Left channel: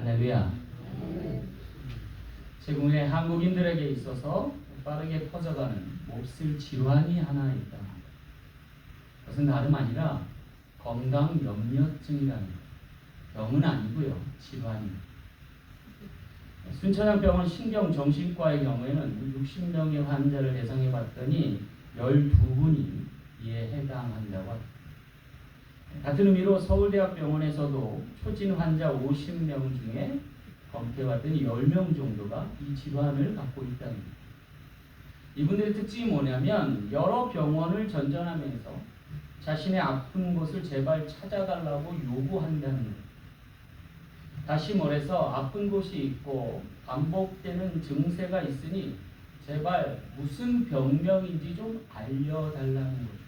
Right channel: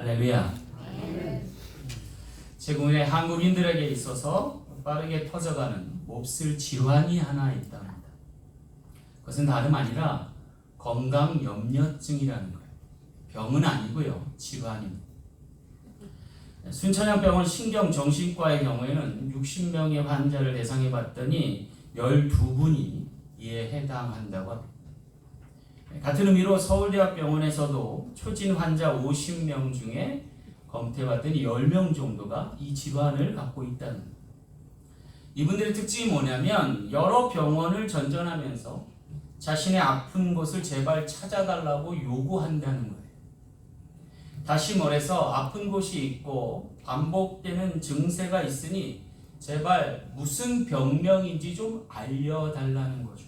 할렐루야. 최근에 한국인들에게 있어서 빠르게 퍼져가는 몹쓸 질환이 하나 있답니다. 그것은 다름 아니라 건강염려증이라는 거예요. 병은 아니고요, 질환입니다. 순천향병원 신경정신과의 경우에는 60명의 환자를 대상해 봤더니 12분이 이에 해당한다고 합니다. 같은 의미로 서울대학병원에서도 초진 환자 50명 중에 검토해봤더니 10명 정도가 이 질환을 갖고 있다는 겁니다. 이분들의 특징이 뭐냐면 여러 병원을 전전하면서 자신의 아픈 곳을 제발 찾아달라고 요구한다는 거예요. 다시 말해서 아픈 곳이 있고 반복되는 증세가 있으니 제발 무슨 병명인지 좀 알려달라는 거죠.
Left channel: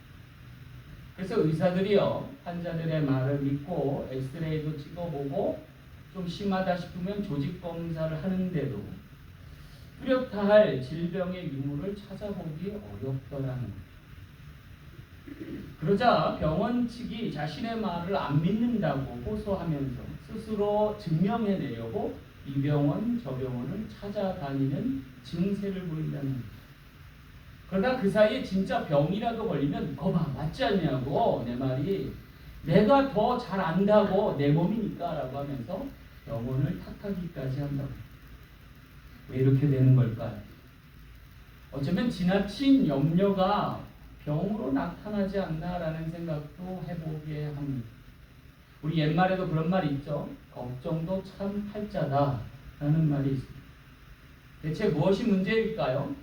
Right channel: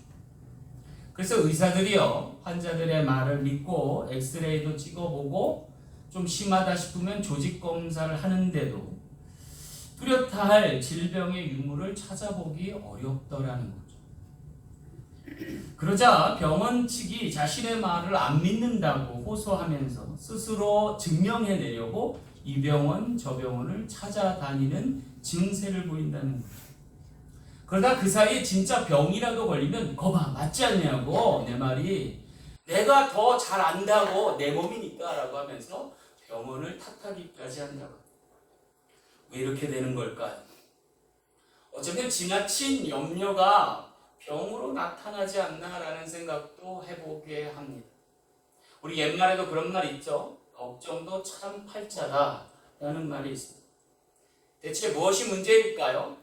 그래서 의사들이요, 환자들의 말을 믿고 엑스레이도 찍어보고 좀 심하다 싶으면 조직 검사를 하는데도 뚜렷하 할 질병의 유무를 찾아보기 어렵더라는 거죠. 그러자 병원 측이 자신의 말을 안 믿는다고 호소하면서 스스로 증명해내려고 이 병원 저 병원을 찾아다니는 증세를 보인다는 거죠. 그러다 그 사이에 진짜 병이라도 걸리면 거봐 맞지 않냐고 내 말이 내가 더 잘 안다고 내 몸이니까 라고 하면서 병원을 탓하기까지 한다고. 왜 이렇게 되는 걸까요? 어쩌면 지나친 염려가 병으로 나타나지 않나라는 생각도 해보게 합니다. 우리 옛말에도 그런 말이 있죠. 걱정도 참 팔자다 라는 말이 있습니다. 대체 무엇이 문제일까요?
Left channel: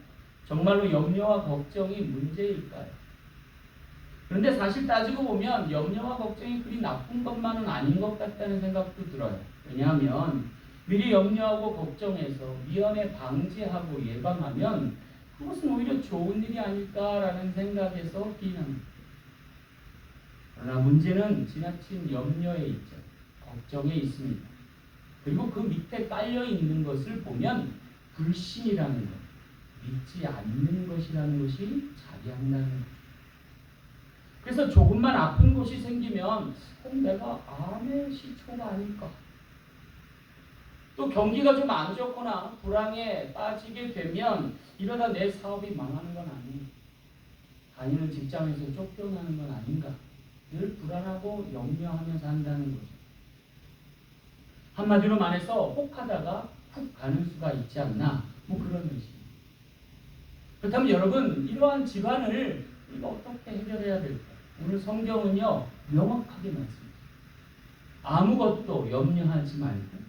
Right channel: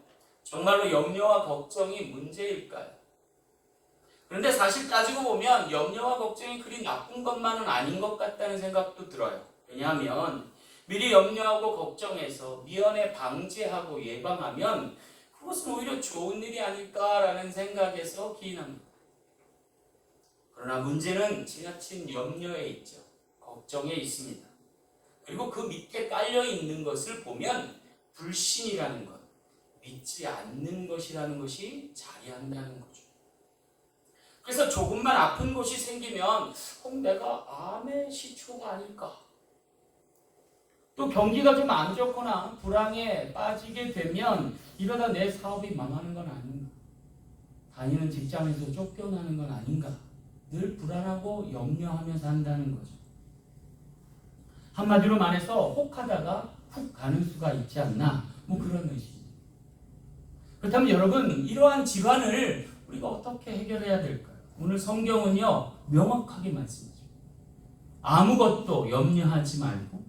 정말로 염려와 걱정이 문제일까요? 그런데 사실 따지고 보면 염려와 걱정이 그리 나쁜 것만은 아닌 것 같다는 생각도 들어요. 왜냐하면 미리 염려하고 걱정해서 미연에 방지하고 예방하면 그것은 오히려 좋은 일이 아닐까라는 생각에서 기인합니다. 그러나 문제는 지나친 염려에 있죠. 걱정에 있습니다. 그리고 그 밑에 깔려 있는 것을 보면 불신이라는 것, 믿지 않는 것이라는 것이 자리한다는 거죠. 그래서 조금만 아픈 곳이 생기면 내가 암의 시초가 아닐까. 또 경기가 좀 안 좋거나 불황에 빠지게 되면 이러다 내 사업이 망하는 건 아닌가. 다니는 직장에서 쫓겨나는 건 아닌가. 늘 불안하고 염려하면서 한다는 거죠. 한마디로 말해서 혹하다가 훅 가는 수가 있지 않나. 그런 의식. 그렇다면 여러분, 이러한 질환을 우리가 어떻게 해결해야 될까요? 오늘 성경은요, 명확하게 말씀해요. 아무것도 염려하지 말고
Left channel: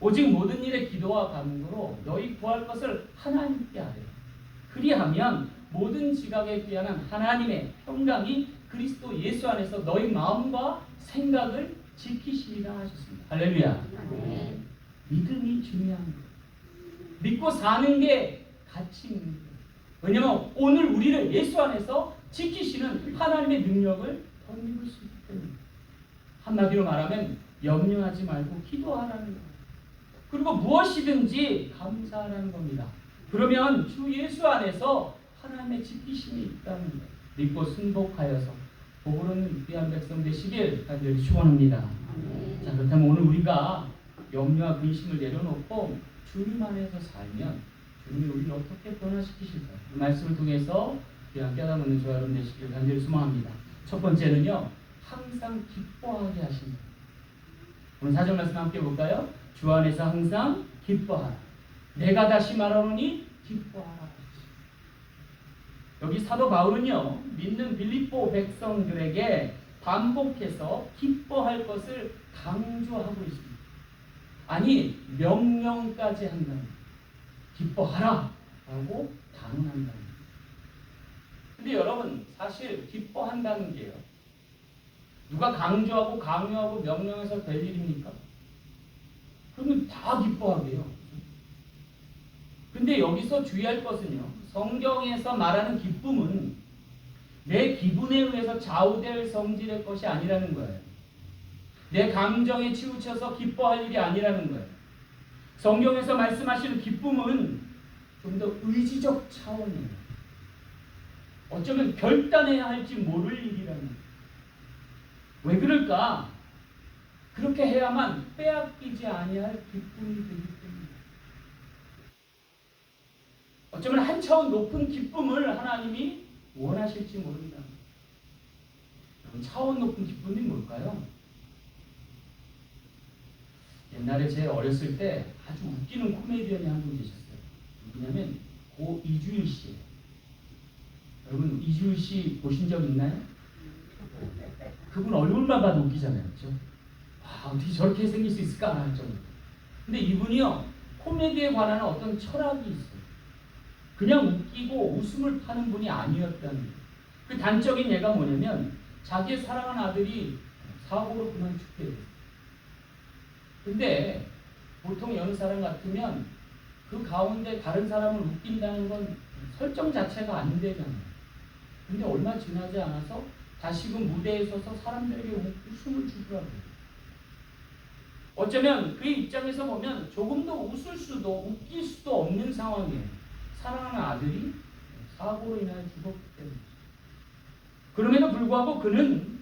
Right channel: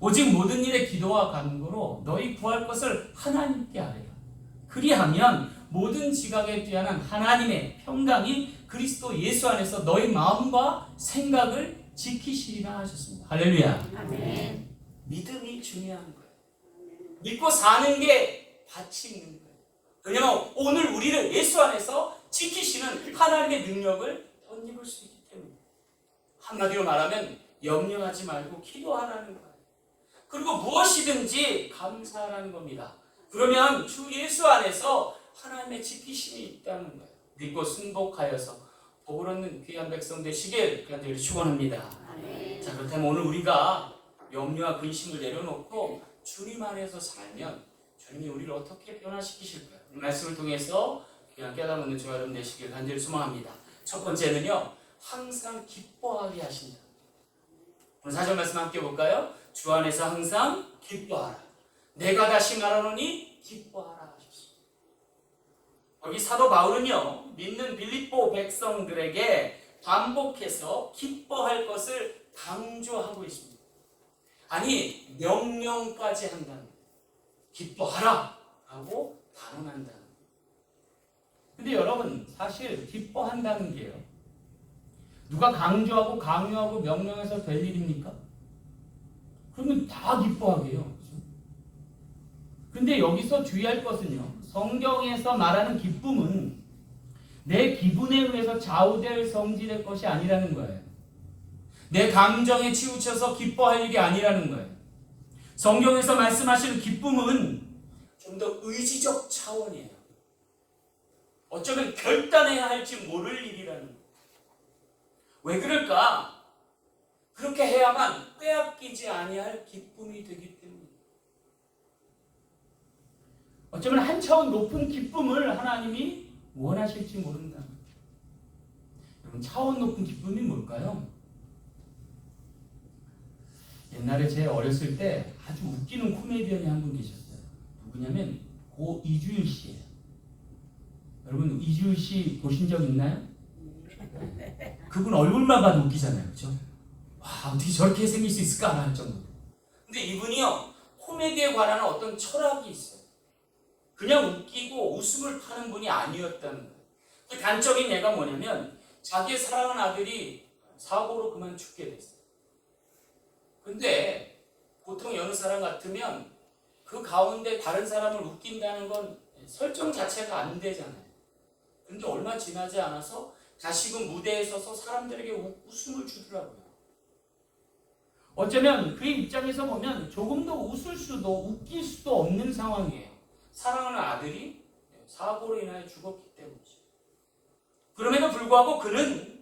오직 모든 일에 기도와 간구로 너희 구할 것을 하나님께 아뢰라. 그리하면 모든 지각에 뛰어난 하나님의 평강이 그리스도 예수 안에서 너희 마음과 생각을 지키시리라 하셨습니다. 할렐루야. 아멘. 믿음이 중요한 거예요. 믿고 사는 게 가치 있는 거예요. 왜냐하면 오늘 우리를 예수 안에서 지키시는 하나님의 능력을 덧입을 수 있기 때문에. 한마디로 말하면 염려하지 말고 기도하라는 거예요. 그리고 무엇이든지 감사하라는 겁니다. 그러면 주 예수 안에서 하나님의 지키심이 있다는 거예요. 믿고 순복하여서 복을 얻는 귀한 백성 되시길 간절히 축원합니다. 자, 그렇다면 오늘 우리가 염려와 근심을 내려놓고 주님 안에서 살면 주님이 우리를 어떻게 변화시키실까요? 이 말씀을 통해서 그냥 깨달는 저와 여러분 되시길 간절히 소망합니다. 첫 번째는요, 항상 기뻐하게 하신다. 오늘 4절 말씀 함께 볼까요? 주 안에서 항상 기뻐하라. 내가 다시 말하노니 기뻐하라. 여기 사도 바울은요, 믿는 빌립보 백성들에게 반복해서 기뻐할 것을 강조하고 있습니다. 아니, 명령까지 한다는 기뻐하라 라고 단언한다는. 근데 여러분, 사실 기뻐한다는 게요, 누가 강조하고 강요하고 명령해서 될 일입니까? 그러면 다 기뻐하게 해요. 근데 여기서 주의할 것은요, 성경에서 말하는 기쁨은 내 기분에 의해서 좌우될 성질의 것이 아니라는 거예요. 내 감정에 치우쳐서 기뻐할 일이 아니라는 거예요. 성경에서 말씀하시는 기쁨은 좀 더 의지적 차원이에요. 어쩌면 결단해야 할지 모를 일이라는 거예요. 왜 그럴까? 그렇게 해야만 빼앗기지 아니할 기쁨이 되기 때문에 어쩌면 한 차원 높은 기쁨을 하나님이 원하실지 모른다. 그럼 차원 높은 기쁨이 뭘까요? 옛날에 제 어렸을 때 아주 웃기는 코미디언이 한 분 계셨어요. 누구냐면 고 이주일 씨예요. 여러분 이주일 씨 보신 적 있나요? 그분 얼굴만 봐도 웃기잖아요. 그렇죠? 와, 어떻게 저렇게 생길 수 있을까 할 정도. 근데 이분이요, 코미디에 관한 어떤 철학이 있어요. 그냥 웃기고 웃음을 파는 분이 아니었다는 거예요. 그 단적인 예가 뭐냐면 자기의 사랑하는 아들이 사고로 그만 죽게 됐어요. 근데 보통 여느 사람 같으면 그 가운데 다른 사람을 웃긴다는 건 설정 자체가 안 되잖아요. 근데 얼마 지나지 않아서 다시금 무대에 서서 사람들에게 웃음을 주더라고요. 어쩌면 그의 입장에서 보면 조금 더 웃을 수도 웃길 수도 없는 상황이에요. 사랑하는 아들이 사고로 인하여 죽었기 때문이죠. 그럼에도 불구하고 그는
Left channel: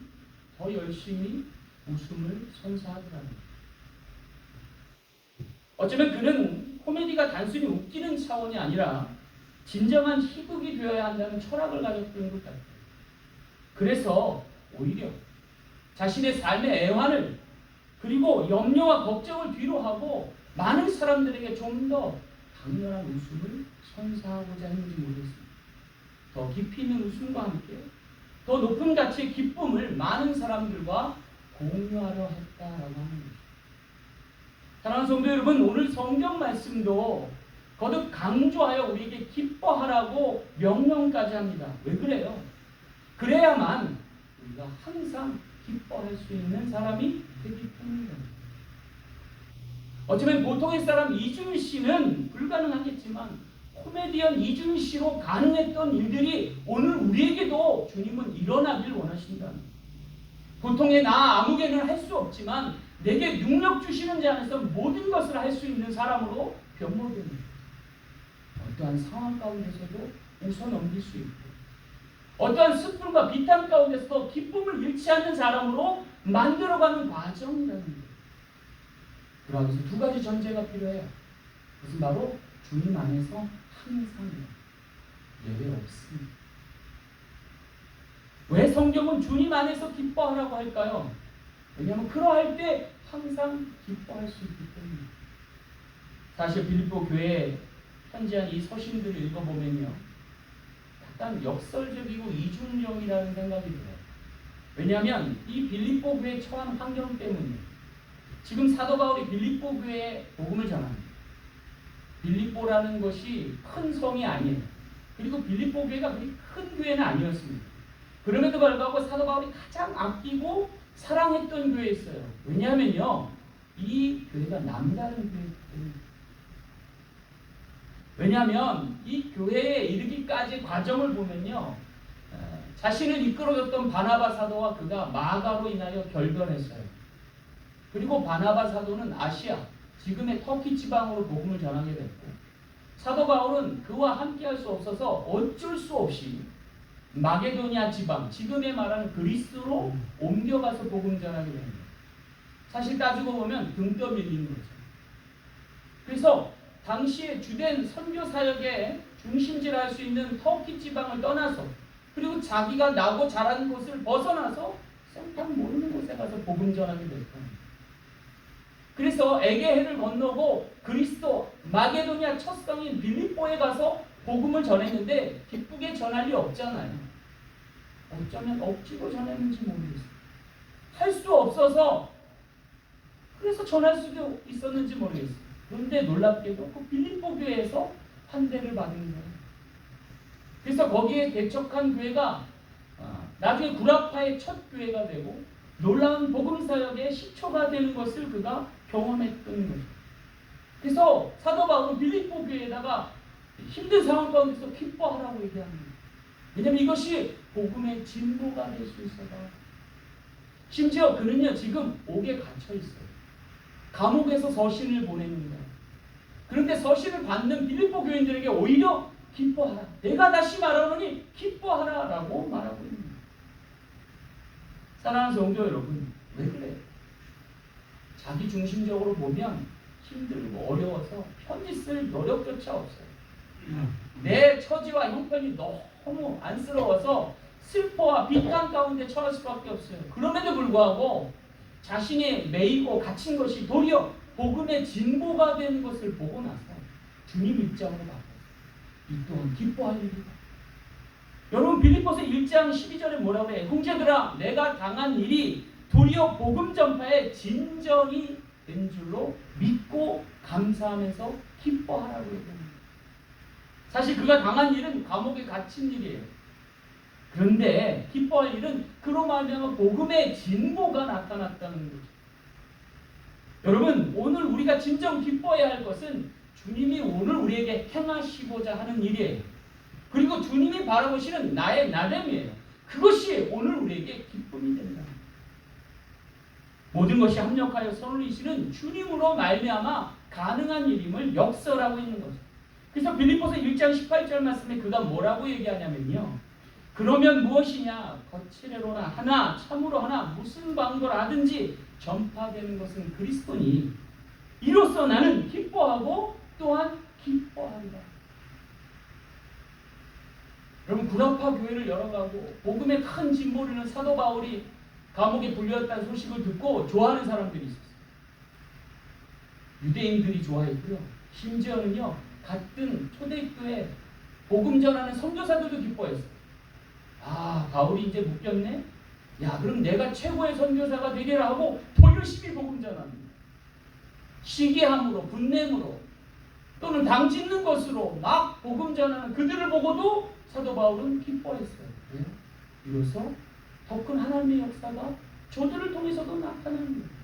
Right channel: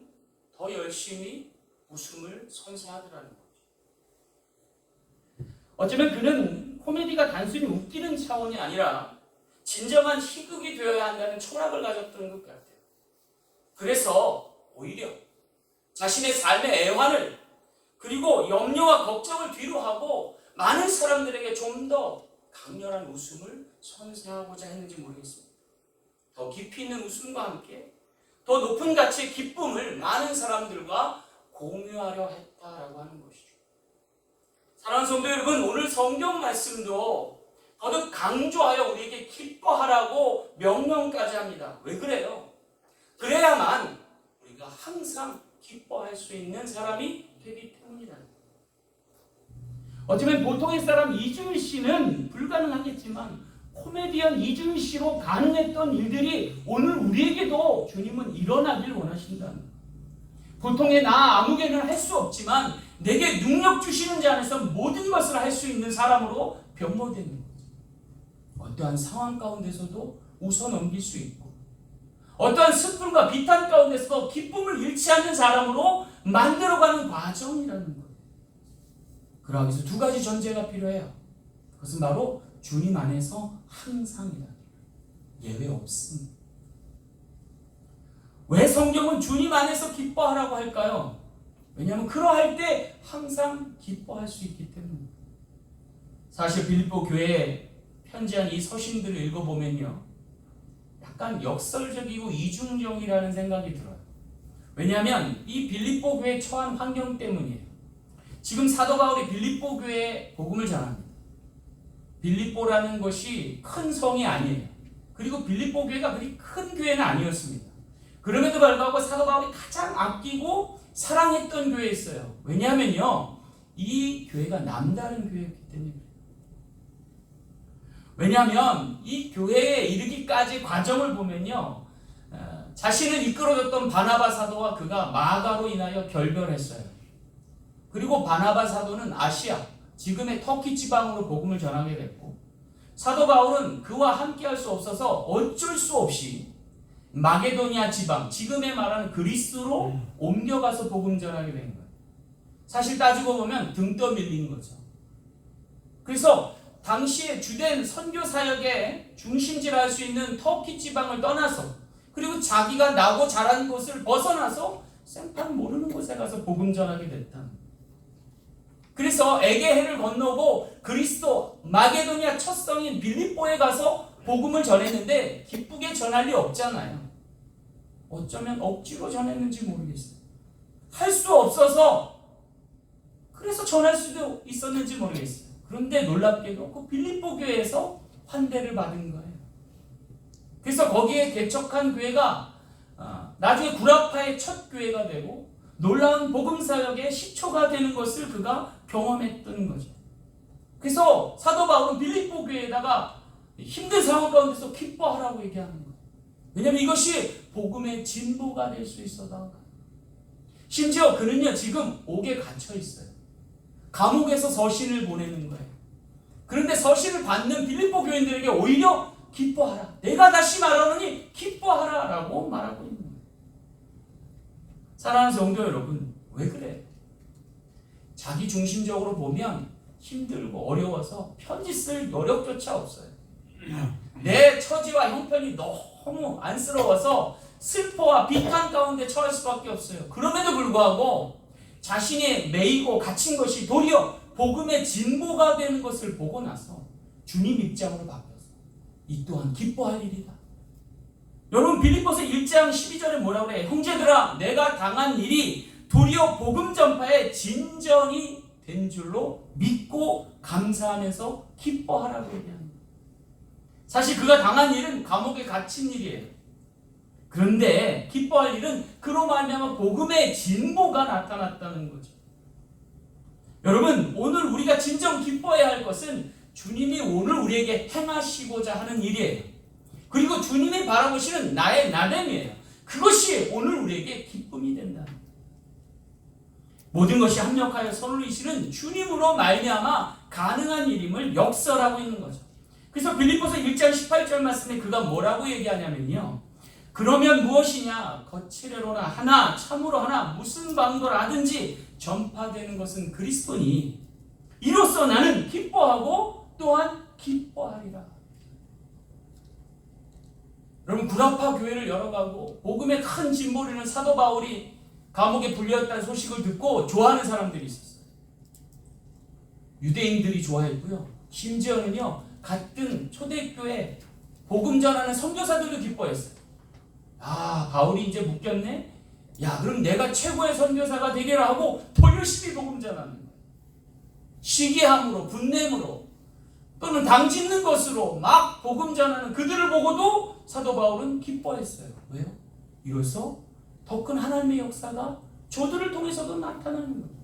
더 열심히 웃음을 선사하더라는 거죠. 어쩌면 그는 코미디가 단순히 웃기는 차원이 아니라 진정한 희극이 되어야 한다는 철학을 가졌던 것 같아요. 그래서 오히려 자신의 삶의 애환을 그리고 염려와 걱정을 뒤로 하고 많은 사람들에게 좀 더 강렬한 웃음을 선사하고자 했는지 모르겠습니다. 더 깊이 있는 웃음과 함께 더 높은 가치의 기쁨을 많은 사람들과 공유하려 했다라고 하는 것이죠. 사랑하는 성도 여러분, 오늘 성경 말씀도 거듭 강조하여 우리에게 기뻐하라고 명령까지 합니다. 왜 그래요? 그래야만 우리가 항상 기뻐할 수 있는 사람이 되기 때문이다. 어쩌면 보통의 사람 이주일 씨는 불가능하겠지만 코미디언 이주일 씨로 가능했던 일들이 오늘 우리에게도 주님은 일어나길 원하신다. 보통의 나 아무개는 할 수 없지만 내게 능력 주시는 자 안에서 모든 것을 할 수 있는 사람으로 변모되는 어떠한 상황 가운데서도 웃어 넘길 수 있고 어떠한 슬픔과 비탄 가운데서도 기쁨을 잃지 않는 사람으로 만들어가는 과정이라는 거예요. 그러기 위해서 두 가지 전제가 필요해요. 그것은 바로 주님 안에서 항상이에요. 예외 없습니다. 왜 성경은 주님 안에서 기뻐하라고 할까요? 왜냐하면 그러할 때 항상 기뻐할 수 있기 때문입니다. 사실 빌립보 교회에 편지한 이 서신들을 읽어보면요, 약간 역설적이고 이중적이라는 생각이 들어요. 왜냐하면 이 빌립보 교회에 처한 환경 때문이에요. 지금 사도 바울이 빌립보 교회에 복음을 전합니다. 빌립보라는 것이 큰 성이 아니에요. 그리고 빌립보 교회가 그리 큰 교회는 아니었습니다. 그럼에도 불구하고 사도 바울이 가장 아끼고 사랑했던 교회였어요. 왜냐하면요, 이 교회가 남다른 교회이기 때문에. 왜냐하면 이 교회에 이르기까지 과정을 보면요, 자신을 이끌어줬던 바나바 사도와 그가 마가로 인하여 결별했어요. 그리고 바나바 사도는 아시아, 지금의 터키 지방으로 복음을 전하게 됐고, 사도 바울은 그와 함께할 수 없어서 어쩔 수 없이 마게도니아 지방, 지금의 말하는 그리스로 옮겨가서 복음 전하게 된 거예요. 사실 따지고 보면 등 떠밀리는 거죠. 그래서 당시에 주된 선교 사역의 중심지라 할 수 있는 터키 지방을 떠나서 그리고 자기가 나고 자란 곳을 벗어나서 생판 모르는 곳에 가서 복음 전하게 됐다. 그래서 에게해를 건너고 그리스도 마게도니아 첫 성인 빌립보에 가서 복음을 전했는데 기쁘게 전할 리 없잖아요. 어쩌면 억지로 전했는지 모르겠어요. 할 수 없어서 그래서 전할 수도 있었는지 모르겠어요. 그런데 놀랍게도 그 빌립보 교회에서 환대를 받은 거예요. 그래서 거기에 개척한 교회가 나중에 구라파의 첫 교회가 되고 놀라운 복음사역의 시초가 되는 것을 그가 경험했던 거죠. 그래서 사도 바울은 빌립보 교회에다가 힘든 상황 가운데서 기뻐하라고 얘기합니다. 왜냐하면 이것이 복음의 진보가 될 수 있어다. 심지어 그는요, 지금 옥에 갇혀 있어요. 감옥에서 서신을 보내는 거예요. 그런데 서신을 받는 빌립보 교인들에게 오히려 기뻐하라. 내가 다시 말하노니 기뻐하라 라고 말하고 있는 거예요. 사랑하는 성도 여러분, 왜 그래요? 자기 중심적으로 보면 힘들고 어려워서 편지 쓸 노력조차 없어요. 내 처지와 형편이 너무 안쓰러워서 슬퍼와 비탄 가운데 처할 수밖에 없어요. 그럼에도 불구하고 자신이 매이고 갇힌 것이 도리어 복음의 진보가 되는 것을 보고 나서 주님 입장으로 바뀌었어요. 이 또한 기뻐할 일이다. 여러분 빌립보서 1장 12절에 뭐라고 그래요? 형제들아 내가 당한 일이 도리어 복음 전파의 진전이 된 줄로 믿고 감사하면서 기뻐하라고 얘기합니다. 사실 그가 당한 일은 감옥에 갇힌 일이에요. 그런데 기뻐할 일은 그로 말미암아 복음의 진보가 나타났다는 거죠. 여러분 오늘 우리가 진정 기뻐해야 할 것은 주님이 오늘 우리에게 행하시고자 하는 일이에요. 그리고 주님이 바라보시는 나의 나됨이에요. 그것이 오늘 우리에게 기쁨이 된다. 모든 것이 합력하여 선을 이루시는 주님으로 말미암아 가능한 일임을 역설하고 있는 거죠. 그래서 빌립보서 1장 18절 말씀에 그가 뭐라고 얘기하냐면요. 그러면 무엇이냐 거칠애로나 하나 참으로 하나 무슨 방도라 하든지 전파되는 것은 그리스도니 이로써 나는 기뻐하고 또한 기뻐하리라. 여러분 구라파 교회를 열어가고 복음의 큰 진보를 이루는 사도 바울이 감옥에 불렸다는 소식을 듣고 좋아하는 사람들이 있었어요. 유대인들이 좋아했고요. 심지어는요 같은 초대교회 복음 전하는 선교사들도 기뻐했어요. 아 바울이 이제 묶였네. 야 그럼 내가 최고의 선교사가 되리라 하고 더 열심히 복음 전합니다. 시기함으로 분냄으로 또는 당짓는 것으로 막 복음 전하는 그들을 보고도 사도 바울은 기뻐했어요. 왜요? 이로써 더 큰 하나님의 역사가 저들을 통해서도 나타나는 거예요.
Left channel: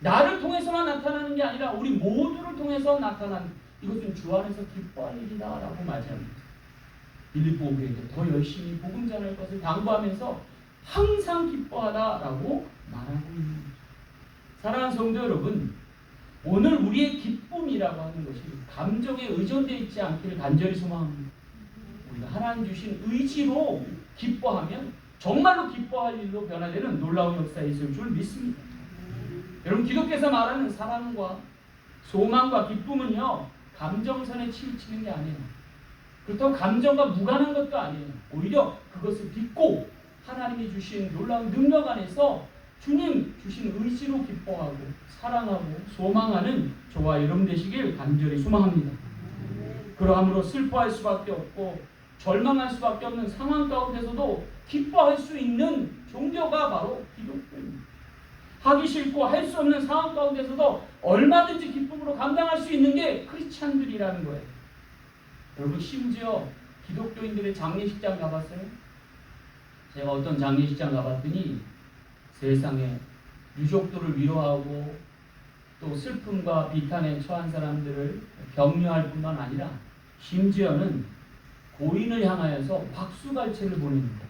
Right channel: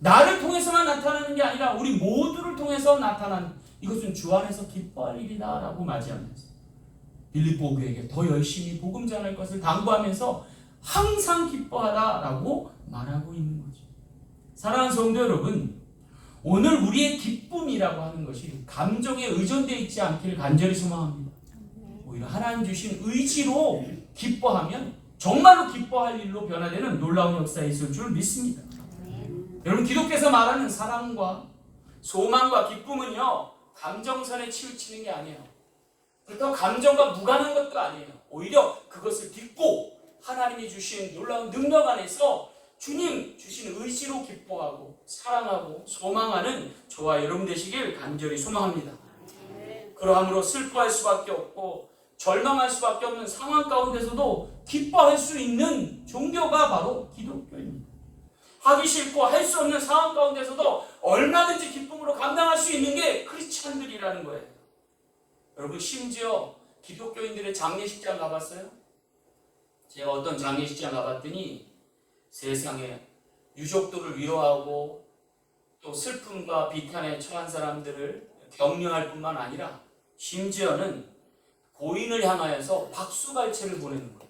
나를 통해서만 나타나는 게 아니라 우리 모두를 통해서 나타나는 이것은 주 안에서 기뻐할 일이다 라고 맞이합니다. 빌립보 교회에게 더 열심히 복음 전할 것을 당부하면서 항상 기뻐하라라고 말하고 있는 거죠. 사랑하는 성도 여러분, 오늘 우리의 기쁨이라고 하는 것이 감정에 의존되어 있지 않기를 간절히 소망합니다. 우리가 하나님 주신 의지로 기뻐하면 정말로 기뻐할 일로 변화되는 놀라운 역사에 있을 줄 믿습니다. 여러분 기독교에서 말하는 사랑과 소망과 기쁨은요 감정선에 치우치는 게 아니에요. 그렇다고 감정과 무관한 것도 아니에요. 오히려 그것을 딛고 하나님이 주신 놀라운 능력 안에서 주님 주신 의지로 기뻐하고 사랑하고 소망하는 저와 여러분 되시길 간절히 소망합니다. 그러함으로 슬퍼할 수밖에 없고 절망할 수밖에 없는 상황 가운데서도 기뻐할 수 있는 종교가 바로 기독교입니다. 하기 싫고 할 수 없는 상황 가운데서도 얼마든지 기쁨으로 감당할 수 있는 게 크리스찬들이라는 거예요. 여러분 심지어 기독교인들의 장례식장 가봤어요? 제가 어떤 장례식장 가봤더니 세상에 유족들을 위로하고 또 슬픔과 비탄에 처한 사람들을 격려할 뿐만 아니라 심지어는 고인을 향하여서 박수갈채를 보냅니다.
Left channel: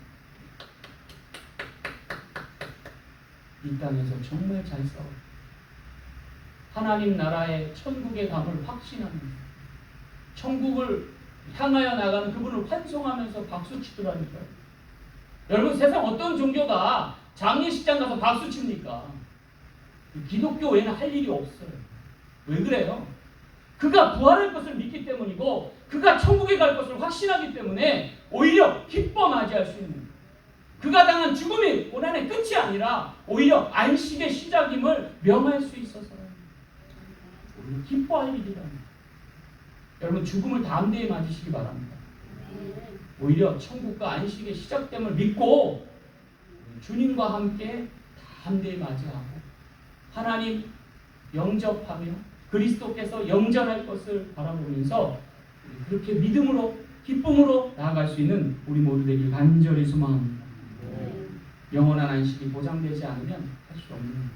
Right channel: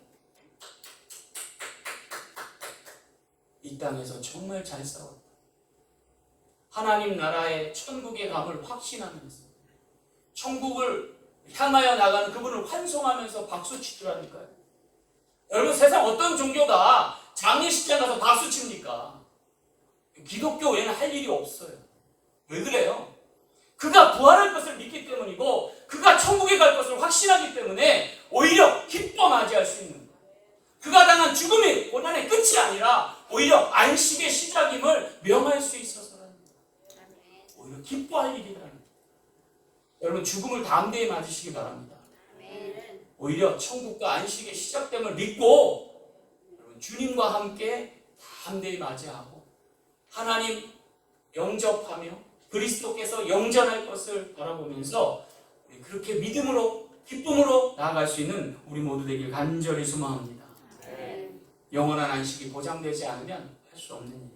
이 땅에서 정말 잘 싸워 하나님 나라의 천국의 감을 확신하면서 천국을 향하여 나가는 그분을 환송하면서 박수치더라니까요. 여러분 세상 어떤 종교가 장례식장 가서 박수칩니까? 기독교 외에는 할 일이 없어요. 왜 그래요? 그가 부활할 것을 믿기 때문이고 그가 천국에 갈 것을 확신하기 때문에 오히려 기뻐 맞이할 수 있는 거예요. 그가 당한 죽음이 고난의 끝이 아니라 오히려 안식의 시작임을 명할 수 있어서요. 오히려 기뻐할 일이랍니다. 여러분 죽음을 담대히 맞으시기 바랍니다. 오히려 천국과 안식의 시작됨을 믿고 주님과 함께 담대히 맞이하고 하나님 영접하며 그리스도께서 영전할 것을 바라보면서 우리 그렇게 믿음으로 기쁨으로 나아갈 수 있는 우리 모두 되길 간절히 소망합니다. 영원한 안식이 보장되지 않으면 할 수 없는 거예요.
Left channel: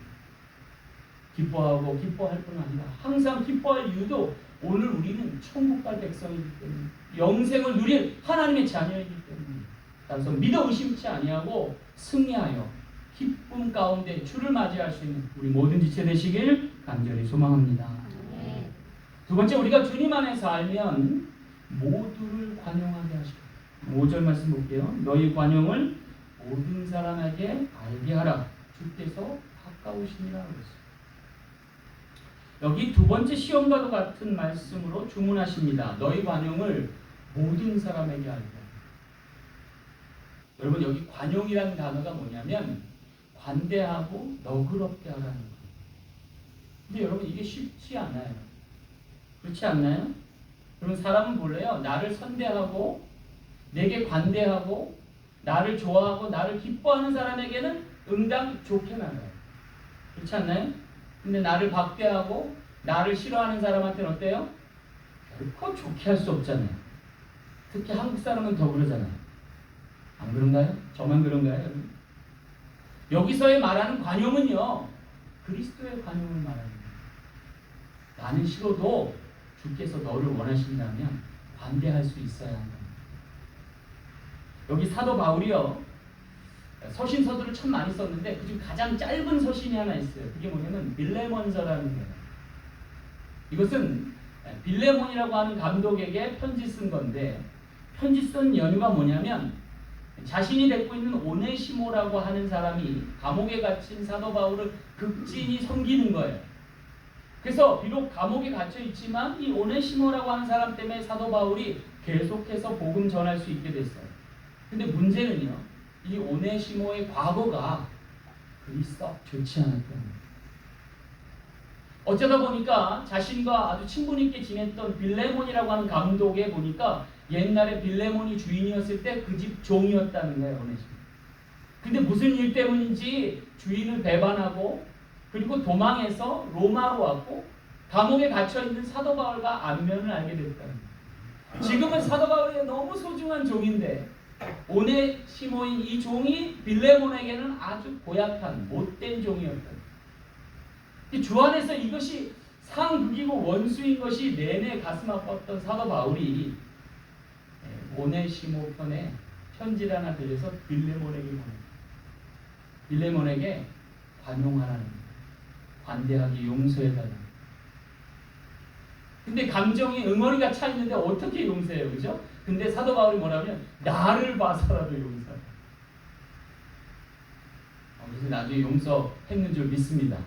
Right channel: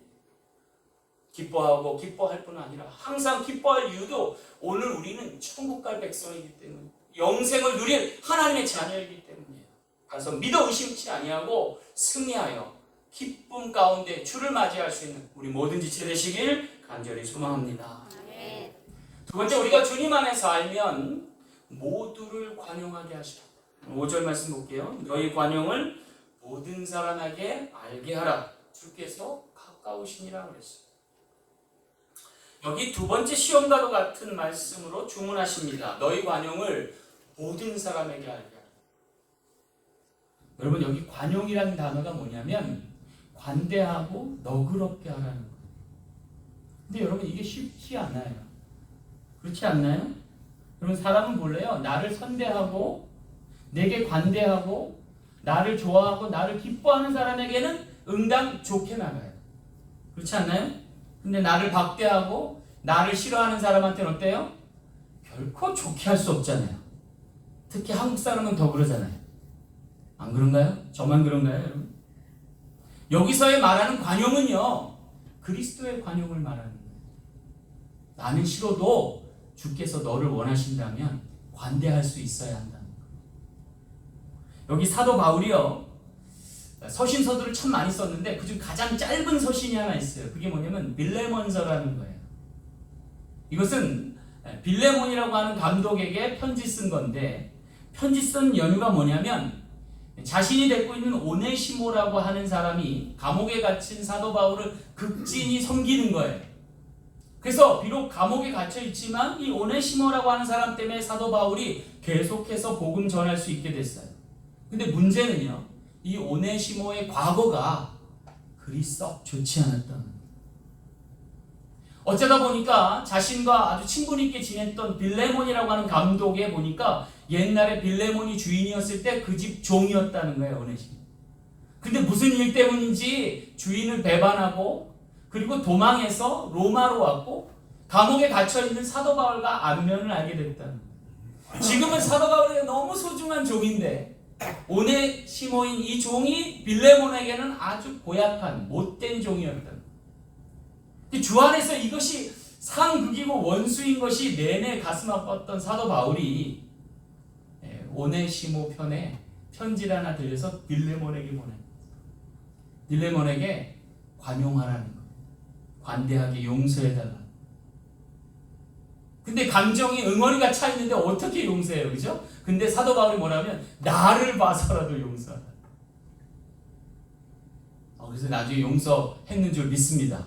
기뻐하고 기뻐할 뿐 아니라 항상 기뻐할 이유도 오늘 우리는 천국 갈 백성이기 때문에 영생을 누릴 하나님의 자녀이기 때문에 따라서 믿어 의심치 아니하고 승리하여 기쁨 가운데 주를 맞이할 수 있는 우리 모든 지체 되시길 간절히 소망합니다. 두 번째 우리가 주님 안에서 알면 모두를 관용하게 하시라. 5절 말씀 볼게요. 너희 관용을 모든 사람에게 알게 하라. 주께서 가까우시니라 그랬어요. 여기 두 번째 시험과도 같은 말씀으로 주문하십니다. 너희 관용을 모든 사람에게 알게 하라. 여러분 여기 관용이라는 단어가 뭐냐면 관대하고 너그럽게 하라는 거예요. 근데 여러분 이게 쉽지 않아요. 그렇지 않나요? 여러분 사람은 몰래요. 나를 선대하고 내게 관대하고 나를 좋아하고 나를 기뻐하는 사람에게는 응당 좋게 나가요. 그렇지 않나요? 근데 나를 박대하고 나를 싫어하는 사람한테는 어때요? 결코 좋게 할 수 없잖아요. 특히 한국 사람은 더 그러잖아요. 안 그런가요? 저만 그런가요, 여러분? 여기서의 말하는 관용은요, 그리스도의 관용을 말하는 거예요. 나는 싫어도 주께서 너를 원하신다면 관대할 수 있어야 한다. 여기 사도 바울이요, 서신서들을 참 많이 썼는데 그중 가장 짧은 서신이 하나 있어요. 그게 뭐냐면 빌레몬서라는 거예요. 이것은 빌레몬이라고 하는 감독에게 편지 쓴 건데, 편지 쓴 연유가 뭐냐면 자신이 데리고 있는 오네시모라고 하는 사람이 감옥에 갇힌 사도 바울을 극진히 섬기는 거예요. 그래서 비록 감옥에 갇혀 있지만 이 오네시모라고 하는 사람 때문에 사도 바울이 계속해서 복음 전할 수 있게 됐어요. 근데 문제는요, 이 오네시모의 과거가 그리 썩 좋지 않았다는 거예요. 어쩌다 보니까 자신과 아주 친분 있게 지냈던 빌레몬이라고 하는 감독에 보니까 옛날에 빌레몬이 주인이었을 때 그 집 종이었다는 거예요, 오네시모. 근데 무슨 일 때문인지 주인을 배반하고 그리고 도망해서 로마로 왔고 감옥에 갇혀있는 사도 바울과 안면을 알게 됐다는 거예요. 지금은 사도 바울에게 너무 소중한 종인데 오네시모인 이 종이 빌레몬에게는 아주 고약한 못된 종이었다. 주 안에서 이것이 상극이고 원수인 것이 내내 가슴 아팠던 사도 바울이 오네시모 편에 편지를 하나 들려서 빌레몬에게 보냅니다. 빌레몬에게 관용하라는, 관대하게 용서해달라. 근데 감정이 응어리가 차 있는데 어떻게 용서해요, 그죠? 근데 사도 바울이 뭐라면 나를 봐서라도 용서하라. 그래서 나중에 용서했는 줄 믿습니다.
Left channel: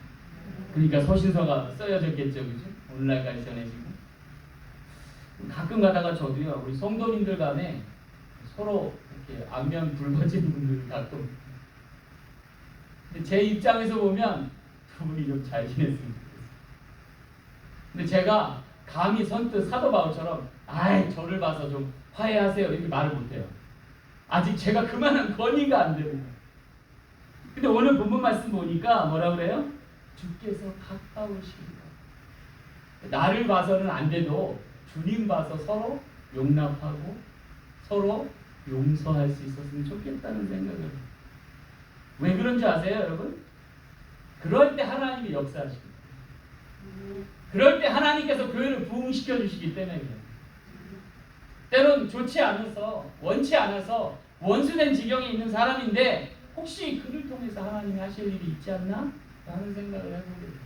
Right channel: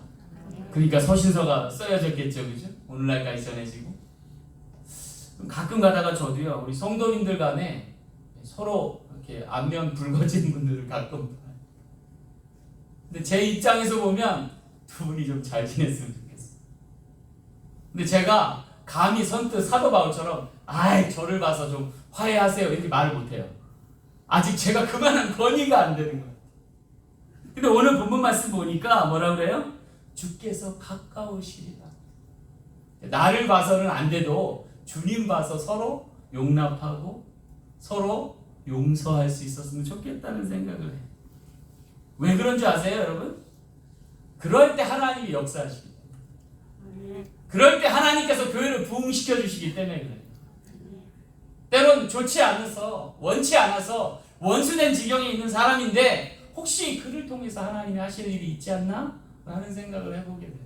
그러니까 서신서가 써여졌겠죠, 그죠? 오늘날까지 전해지고. 가끔 가다가 저도요, 우리 성도님들 간에 서로 이렇게 안면 붉어진 분들을 가끔. 근데 제 입장에서 보면 두 분이 좀 잘 지냈으면 좋겠어요. 근데 제가 감히 선뜻 사도 바울처럼 아이 저를 봐서 좀 화해하세요 이렇게 말을 못해요. 아직 제가 그만한 권위가 안 되는 거예요. 근데 오늘 본문 말씀 보니까 뭐라 그래요? 주께서 가까우시리라. 나를 봐서는 안 돼도 주님 봐서 서로 용납하고 서로 용서할 수 있었으면 좋겠다는 생각을 해요. 왜 그런 줄 아세요, 여러분? 그럴 때 하나님이 역사하십니다. 그럴 때 하나님께서 교회를 부흥시켜 주시기 때문에 그래요. 때론 좋지 않아서, 원치 않아서 원수된 지경에 있는 사람인데 혹시 그를 통해서 하나님이 하실 일이 있지 않나? 라는 생각을 해보게 돼요.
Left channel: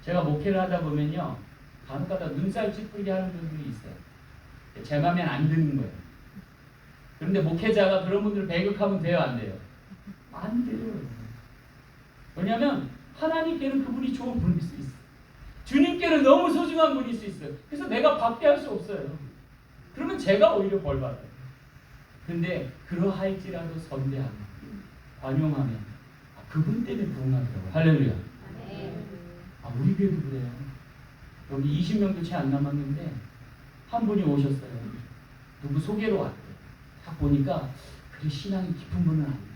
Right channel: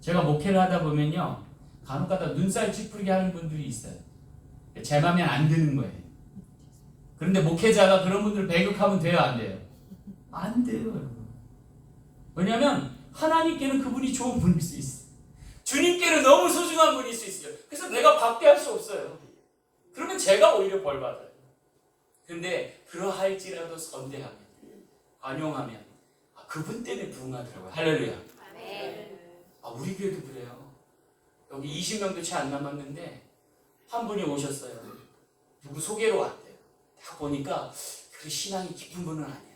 제가 목회를 하다 보면요, 간혹가다 눈살 찌푸리게 하는 분들이 있어요. 제 맘에 안 드는 거예요. 그런데 목회자가 그런 분들을 배격하면 돼요, 안 돼요? 안 돼요. 왜냐하면 하나님께는 그분이 좋은 분일 수 있어요. 주님께는 너무 소중한 분일 수 있어요. 그래서 내가 박대할 수 없어요. 그러면 제가 오히려 벌 받아요. 근데 그러할지라도 선대하면, 관용하면 그분 때문에 부흥하더라고요. 할렐루야. 우리 교회도 그래요. 여기 20명도 채 안 남았는데 한 분이 오셨어요. 누구 소개로 왔대요. 딱 보니까 그리 신앙이 깊은 분은 아니에요.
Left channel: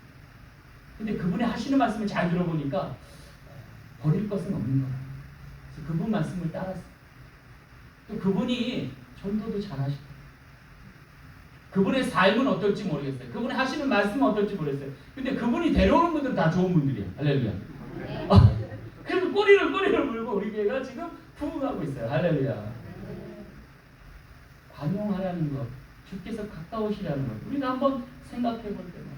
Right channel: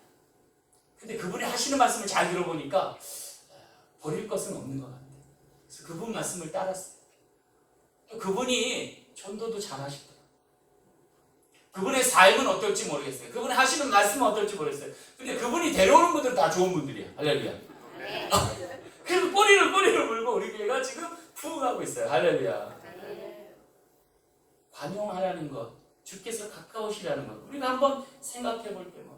근데 그분이 하시는 말씀을 잘 들어보니까 버릴 것은 없는 거예요. 그래서 그분 말씀을 따랐어요. 또 그분이 전도도 잘 하시고 그분의 삶은 어떨지 모르겠어요. 그분이 하시는 말씀은 어떨지 모르겠어요. 근데 그분이 데려오는 분들은 다 좋은 분들이에요. 할렐루야. 그래서 꼬리를 물고 우리 교회가 지금 부흥하고 있어요. 할렐루야. 관용하라는 것, 주께서 가까우시라는 것, 우리가 한번 생각해 볼 때만.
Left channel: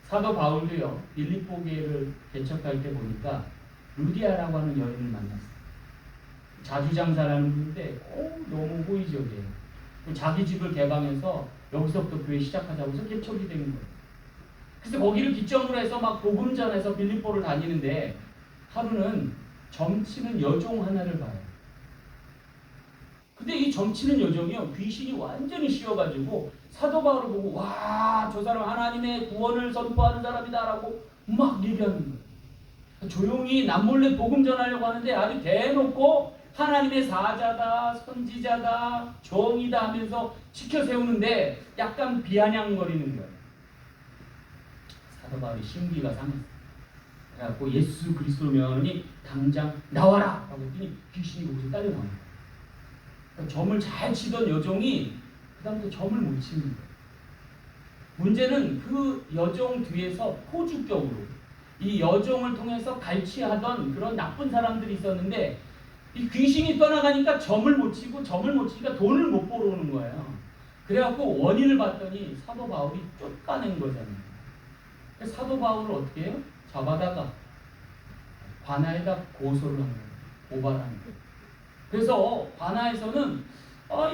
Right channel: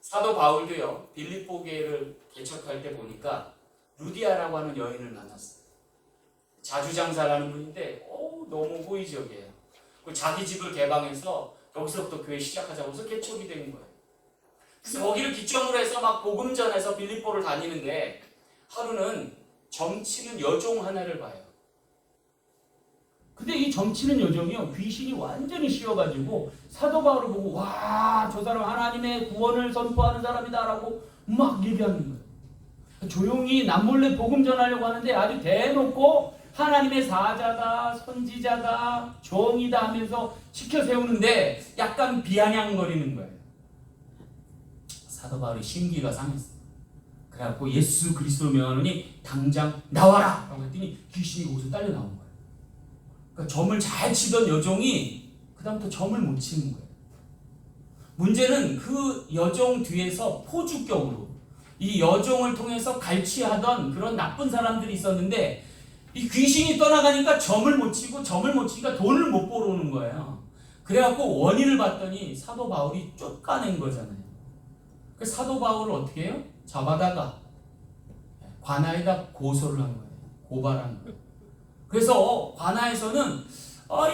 사도 바울도요, 빌립보 교회를 개척할 때 보니까 루디아라고 하는 여인을 만났어요. 자주장사라는 분인데 너무 호의적이에요. 자기 집을 개방해서 여기서부터 교회 시작하자고 해서 개척이 된 거예요. 그래서 거기를 기점으로 해서 막 복음 전해서 빌립보를 다니는데 하루는 점치는 여종 하나를 봐요. 근데 이 점치는 여종이요, 귀신이 완전히 씌워가지고 사도 바울을 보고 와, 저 사람 하나님의 구원을 선포하는 사람이다라고 막 얘기하는 거예요. 조용히 남몰래 복음 전하려고 하는데 아주 대놓고 하나님의 사자다, 선지자다, 종이다 하면서 지켜 세우는데 약간 비아냥거리는 거예요. 사도 바울이 심기가 상했어요. 그래갖고 예수 그리스도 명하노니 당장 나와라! 라고 했더니 귀신이 거기서 딸려 나오는 거예요. 그러니까 점을 잘 치던 여종이 그 다음부터 점을 못 치는 거예요. 문제는 그 여종 뒤에서 포주격으로 이 여종을 통해서 갈취하던 그런 나쁜 사람들이 있었는데 이 귀신이 떠나가니까 점을 못 치고 점을 못 치니까 돈을 못 벌어오는 거예요. 그래갖고 원인을 봤더니 사도 바울이 쫓아낸 거잖아요. 그래서 사도 바울을 어떻게 해요? 잡아다가 관아에다 고소를 한 거예요. 고발한 거예요. 그래서 관아에서는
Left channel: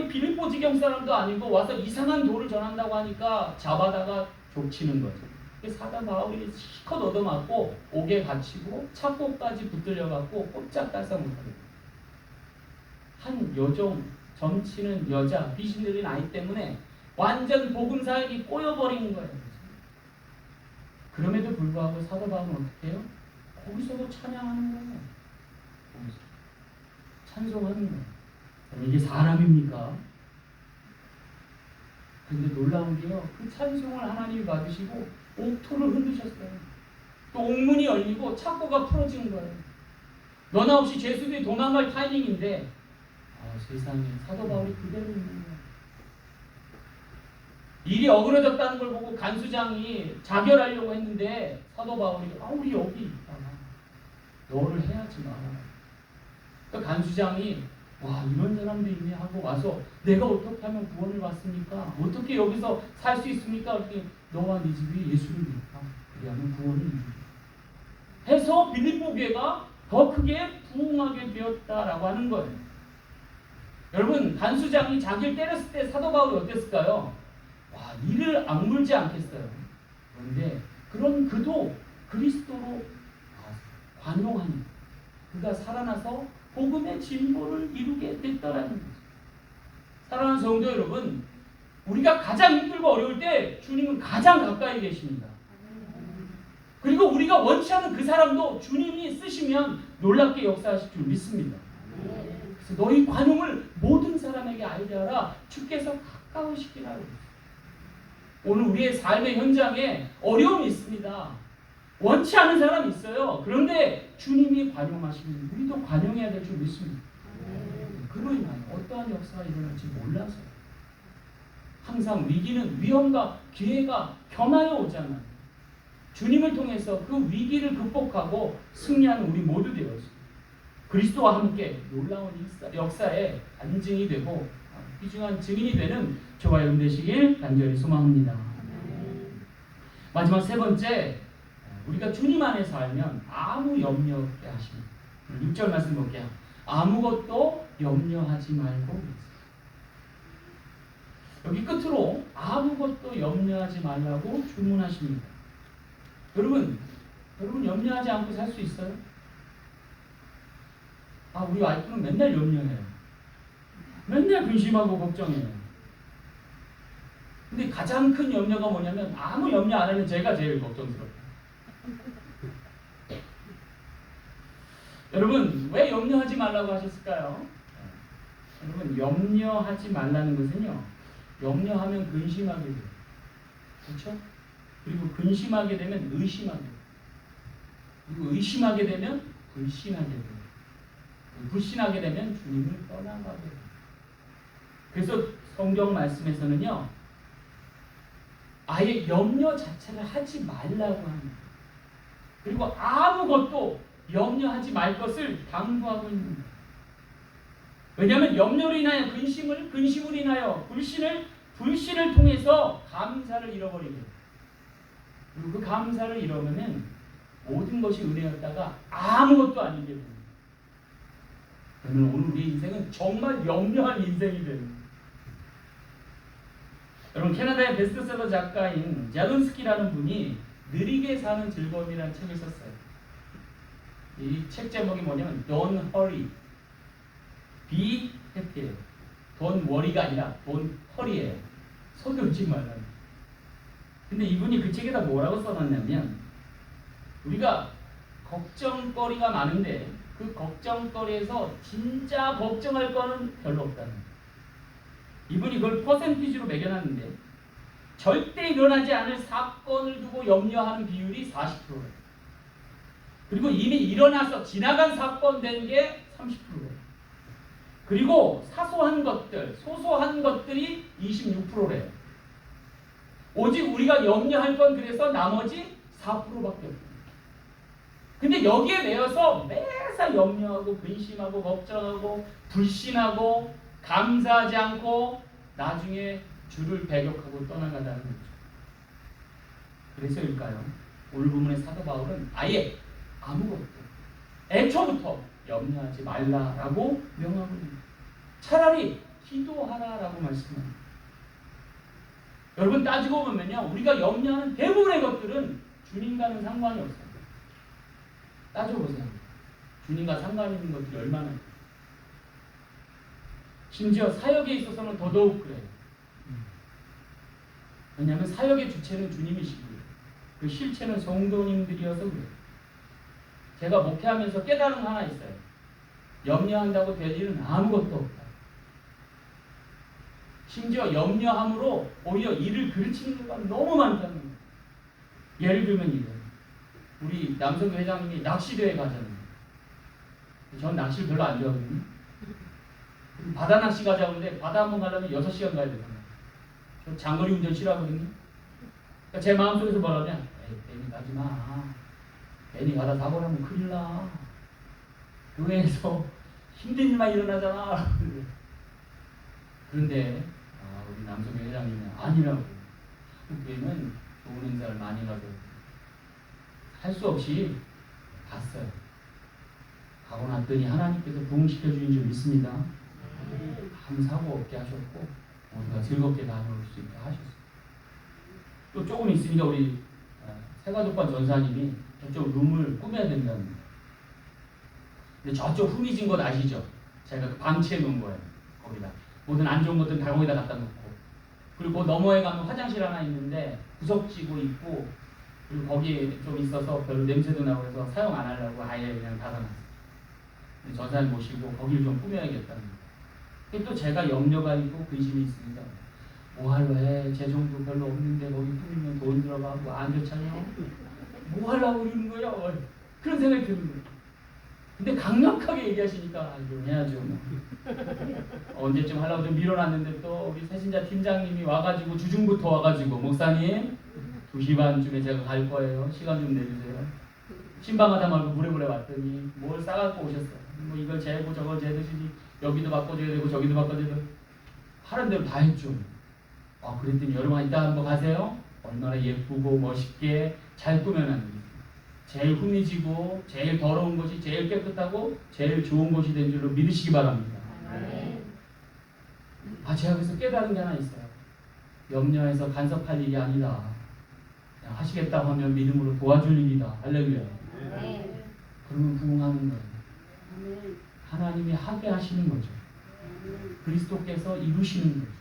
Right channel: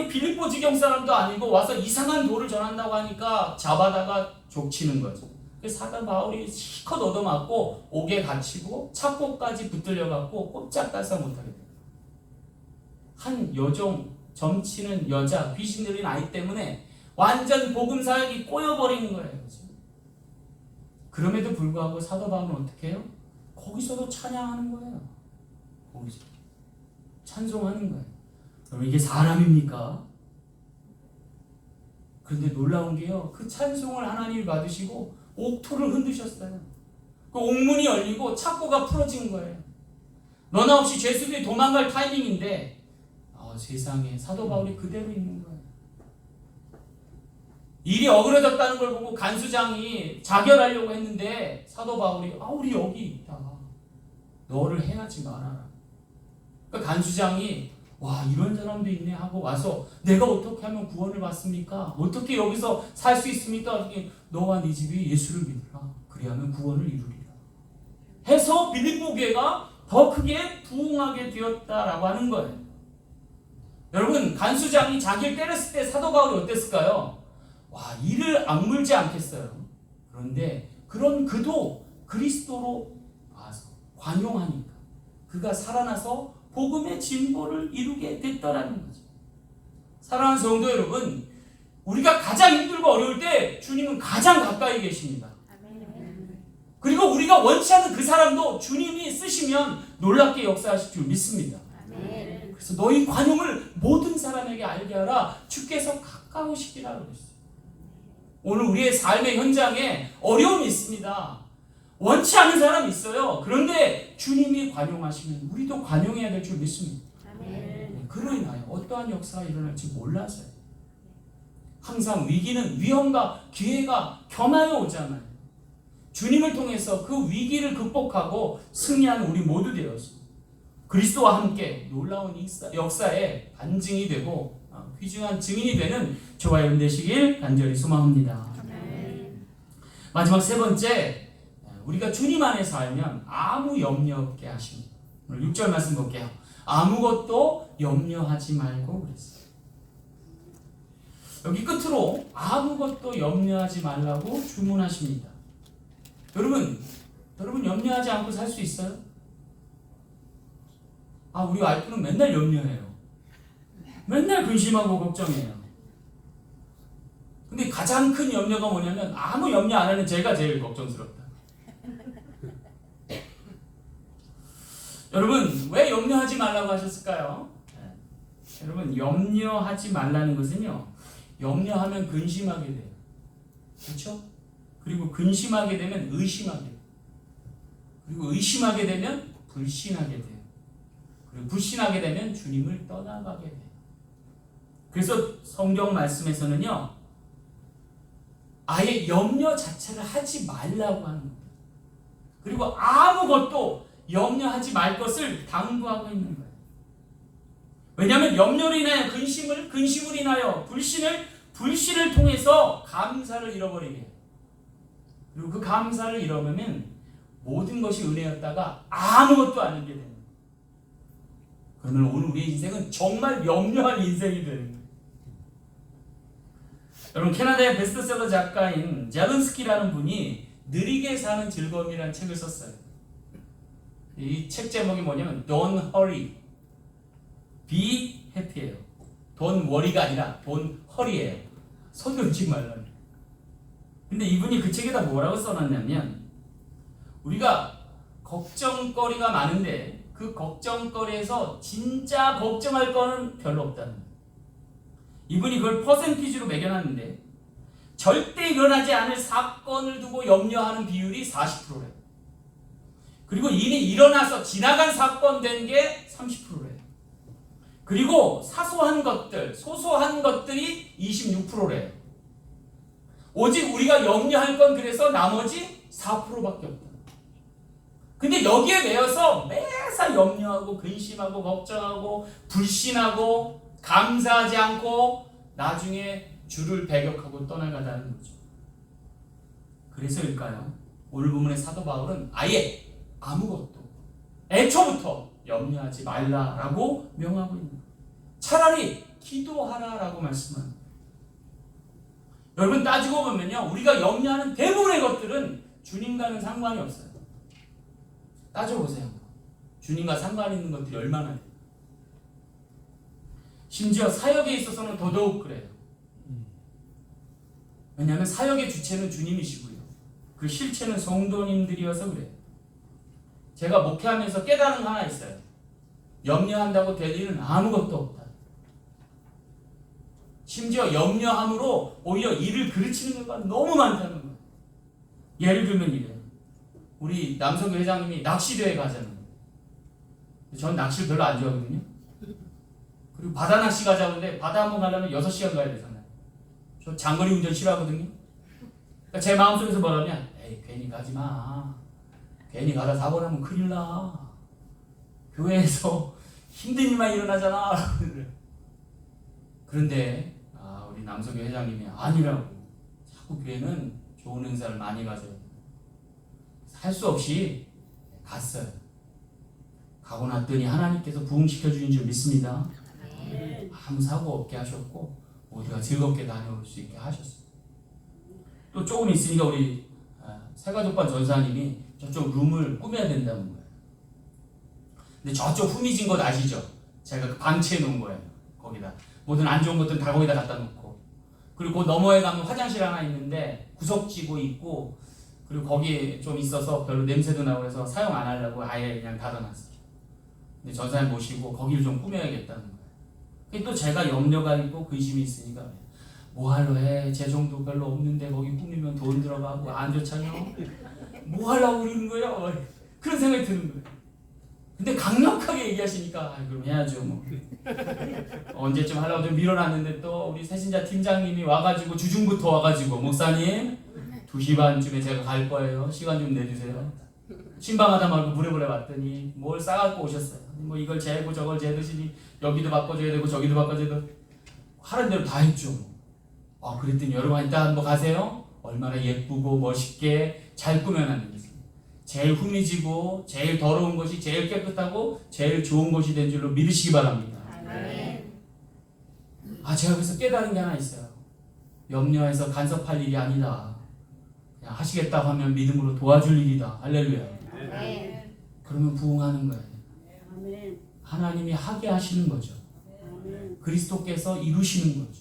이 빌립보 지경 사람도 아니고 와서 이상한 도를 전한다고 하니까 잡아다가 족치는 거죠. 사도 바울이 실컷 얻어맞고 옥에 갇히고 착고까지 붙들려갖고 꼼짝 달싹 못하게 돼요. 한 여종, 점치는 여자, 귀신 들린 아이 때문에 완전 복음 사역이 꼬여버리는 거예요. 그럼에도 불구하고 사도 바울은 어떻게 해요? 거기서도 찬양하는 거예요. 거기서 찬송하는 거예요. 그럼 이게 사람입니까? 그런데 놀라운 게요, 그 찬송을 하나님이 받으시고 옥토를 흔드셨어요. 그 옥문이 열리고 착고가 풀어진 거예요. 너나 없이 죄수들이 도망갈 타이밍인데 세상에 사도 바울이 그대로 있는 거예요. 일이 어그러졌다는 걸 보고 간수장이 자결하려고 했는데 사도 바울이 우리 여기 있다. 너를 해하지 마라. 그러니까 간수장이 와, 이런 사람도 있네 하고 와서 내가 어떻게 하면 구원을 받습니까? 어떻게 여기서 살 수 있습니까? 너와 네 집이 예수를 믿다. 그리하면 구원을 이루리라. 해서 빌립보 교회가 더 크게 부흥하게 되었다라고 하는 거예요. 여러분, 간수장이 자기를 때렸을 때 사도 바울이 어땠을까요? 와, 이를 악물지 않겠어요. 그런데 그런 그도 그리스도로 관용하니 그가 살아나서 복음의 진보를 이루게 됐더라는 거죠. 사랑하는 성도 여러분, 우리가 가장 힘들고 어려울 때 주님은 가장 가까이 계십니다. 그리고 우리가 원치 않은 그 사람도 주님이 쓰시면 놀랍게 역사하실 줄 믿습니다. 그래서 너희 관용을 모든 사람에게 알게 하라. 주께서 가까우시기라 그랬어요. 오늘 우리의 삶의 현장에 어려움이 있습니다. 원치 않은 사람이 있어요. 그런데 주님이 관용하시면 우리도 관용해야 될 줄 믿습니다. 그로 인하여 어떠한 역사가 일어날지 몰라서요. 항상 위기는 위험과 기회가 겸하여 오잖아요. 주님을 통해서 그 위기를 극복하고 승리하는 우리 모두 되었습니다. 그리스도와 함께 놀라운 역사의 간증이 되고 귀중한 증인이 되는 저와 여러분 되시길 간절히 소망합니다. 마지막 세 번째, 우리가 주님 안에 살면 아무 염려 없게 하십니다. 6절 말씀 볼게요. 아무것도 염려하지 말고. 여기 끝으로 아무것도 염려하지 말라고 주문하십니다. 여러분 염려하지 않고 살 수 있어요? 우리 와이프는 맨날 염려해요. 맨날 근심하고 걱정해요. 근데 가장 큰 염려가 뭐냐면 아무 염려 안 하는 제가 제일 걱정스럽다. 여러분, 왜 염려하지 말라고 하셨을까요? 여러분, 염려하지 말라는 것은요, 염려하면 근심하게 돼요. 그렇죠? 그리고 근심하게 되면 의심하게 돼요. 그리고 의심하게 되면 불신하게 돼요. 그리고 불신하게 되면 주님을 떠나가게 돼요. 그래서 성경 말씀에서는요, 아예 염려 자체를 하지 말라고 하는 거예요. 그리고 아무것도 염려하지 말 것을 당부하고 있는 거예요. 왜냐하면 염려로 인하여 근심을 인하여 불신을 통해서 감사를 잃어버리게 돼요. 그리고 그 감사를 잃어버리면 모든 것이 은혜였다가 아무것도 아니게 됩니다. 그러면 오늘 우리의 인생은 정말 염려한 인생이 됩니다. 여러분, 캐나다의 베스트셀러 작가인 자른스키라는 분이 느리게 사는 즐거움이라는 책을 썼어요. 이 책 제목이 뭐냐면 Don't hurry, be happy예요. Don't worry가 아니라 Don't hurry예요. 서두르지 말라는. 근데 이분이 그 책에다 뭐라고 써놨냐면, 우리가 걱정거리가 많은데 그 걱정거리에서 진짜 걱정할 거는 별로 없다는 거예요. 이분이 그걸 퍼센티지로 매겨놨는데, 절대 일어나지 않을 사건을 두고 염려하는 비율이 40%래요. 그리고 이미 일어나서 지나간 사건 된 게 30%래요. 그리고 사소한 것들, 소소한 것들이 26%래요. 오직 우리가 염려할 건 그래서 나머지 4%밖에 없다. 근데 여기에 매여서 매사 염려하고 근심하고 걱정하고 불신하고 감사하지 않고 나중에 주를 배격하고 떠나가다는 거죠. 그래서일까요? 오늘 본문의 사도 바울은 아예 아무것도 애초부터 염려하지 말라라고 명하고 있는 거예요. 차라리 기도하라라고 말씀합니다. 여러분, 따지고 보면요, 우리가 염려하는 대부분의 것들은 주님과는 상관이 없어요. 따져보세요. 주님과 상관 있는 것들이 얼마나 있어요. 심지어 사역에 있어서는 더더욱 그래요. 왜냐하면 사역의 주체는 주님이시고요, 그 실체는 성도님들이어서 그래요. 제가 목회하면서 깨달은 하나 있어요. 염려한다고 될 일은 아무것도 없다. 심지어 염려함으로 오히려 일을 그르치는 경우가 너무 많다는 거예요. 예를 들면 이래요. 우리 남성교 회장님이 낚시대회 가잖아요. 전 낚시를 별로 안 좋아하거든요. 그리고 바다 낚시 가자는데 바다 한번 가려면 6시간 가야 되잖아요. 저 장거리 운전 싫어하거든요. 그러니까 제 마음속에서 뭐라면, 에이, 괜히 가지 마. 괜히 가다 사고나면 큰일 나. 교회에서 힘든 일만 일어나잖아. 그런데 우리 남성교 회장님이 아니라고. 자꾸 교회는 좋은 행사를 많이 가져요. 할 수 없이 갔어요. 가고 났더니 하나님께서 부흥시켜 주신 줄 믿습니다. 아무 사고 없게 하셨고 모두가 즐겁게 다녀올 수 있게 하셨어요. 또 조금 있으니까 우리 세가족반 전사님이 저쪽 룸을 꾸며야 된답니다. 근데 저쪽 후미진 곳 아시죠? 제가 그 방치해 놓은 거예요. 거기다 모든 안 좋은 것들은 다 거기다 갖다 놓고, 그리고 그 너머에 가면 화장실 하나 있는데 구석지고 있고, 그리고 거기에 좀 있어서 별로 냄새도 나고 해서 사용 안 하려고 아예 그냥 닫아놨어요. 근데 전사님 모시고 거기를 좀 꾸며야겠다는 거예요. 또 제가 염려가 있고 근심이 있으니까, 뭐하러 해? 제 정도 별로 없는데 거기 꾸미면 돈 들어가고 안 좋잖아요. 뭐 하려고 그러는 거야? 그런 생각이 드는 거예요. 근데 강력하게 얘기하시니까 그럼 해야죠. 뭐. 언제쯤 하려고 좀 밀어놨는데 또 우리 새신자 팀장님이 와가지고 주중부터 와가지고, 목사님 2시 반쯤에 제가 갈 거예요. 시간 좀 내주세요. 신방하다 말고 부랴부랴 왔더니 뭘 싸갖고 오셨어. 뭐 이걸 재고 저걸 재듯이 여기도 바꿔줘야 되고 저기도 바꿔줘야 되고 하는 대로 다 했죠. 그랬더니 여러분 이따 한번 가세요. 얼마나 예쁘고 멋있게 잘 꾸며놨는지. 제일 후미지고 제일 더러운 것이 제일 깨끗하고 제일 좋은 것이 된 줄로 믿으시기 바랍니다. 제가 그래서 깨달은 게 하나 있어요. 염려해서 간섭할 일이 아니다. 그냥 하시겠다고 하면 믿음으로 도와줄 일이다. 할렐루야. 그러면 부응하는 거예요. 하나님이 하게 하시는 거죠. 그리스도께서 이루시는 거죠.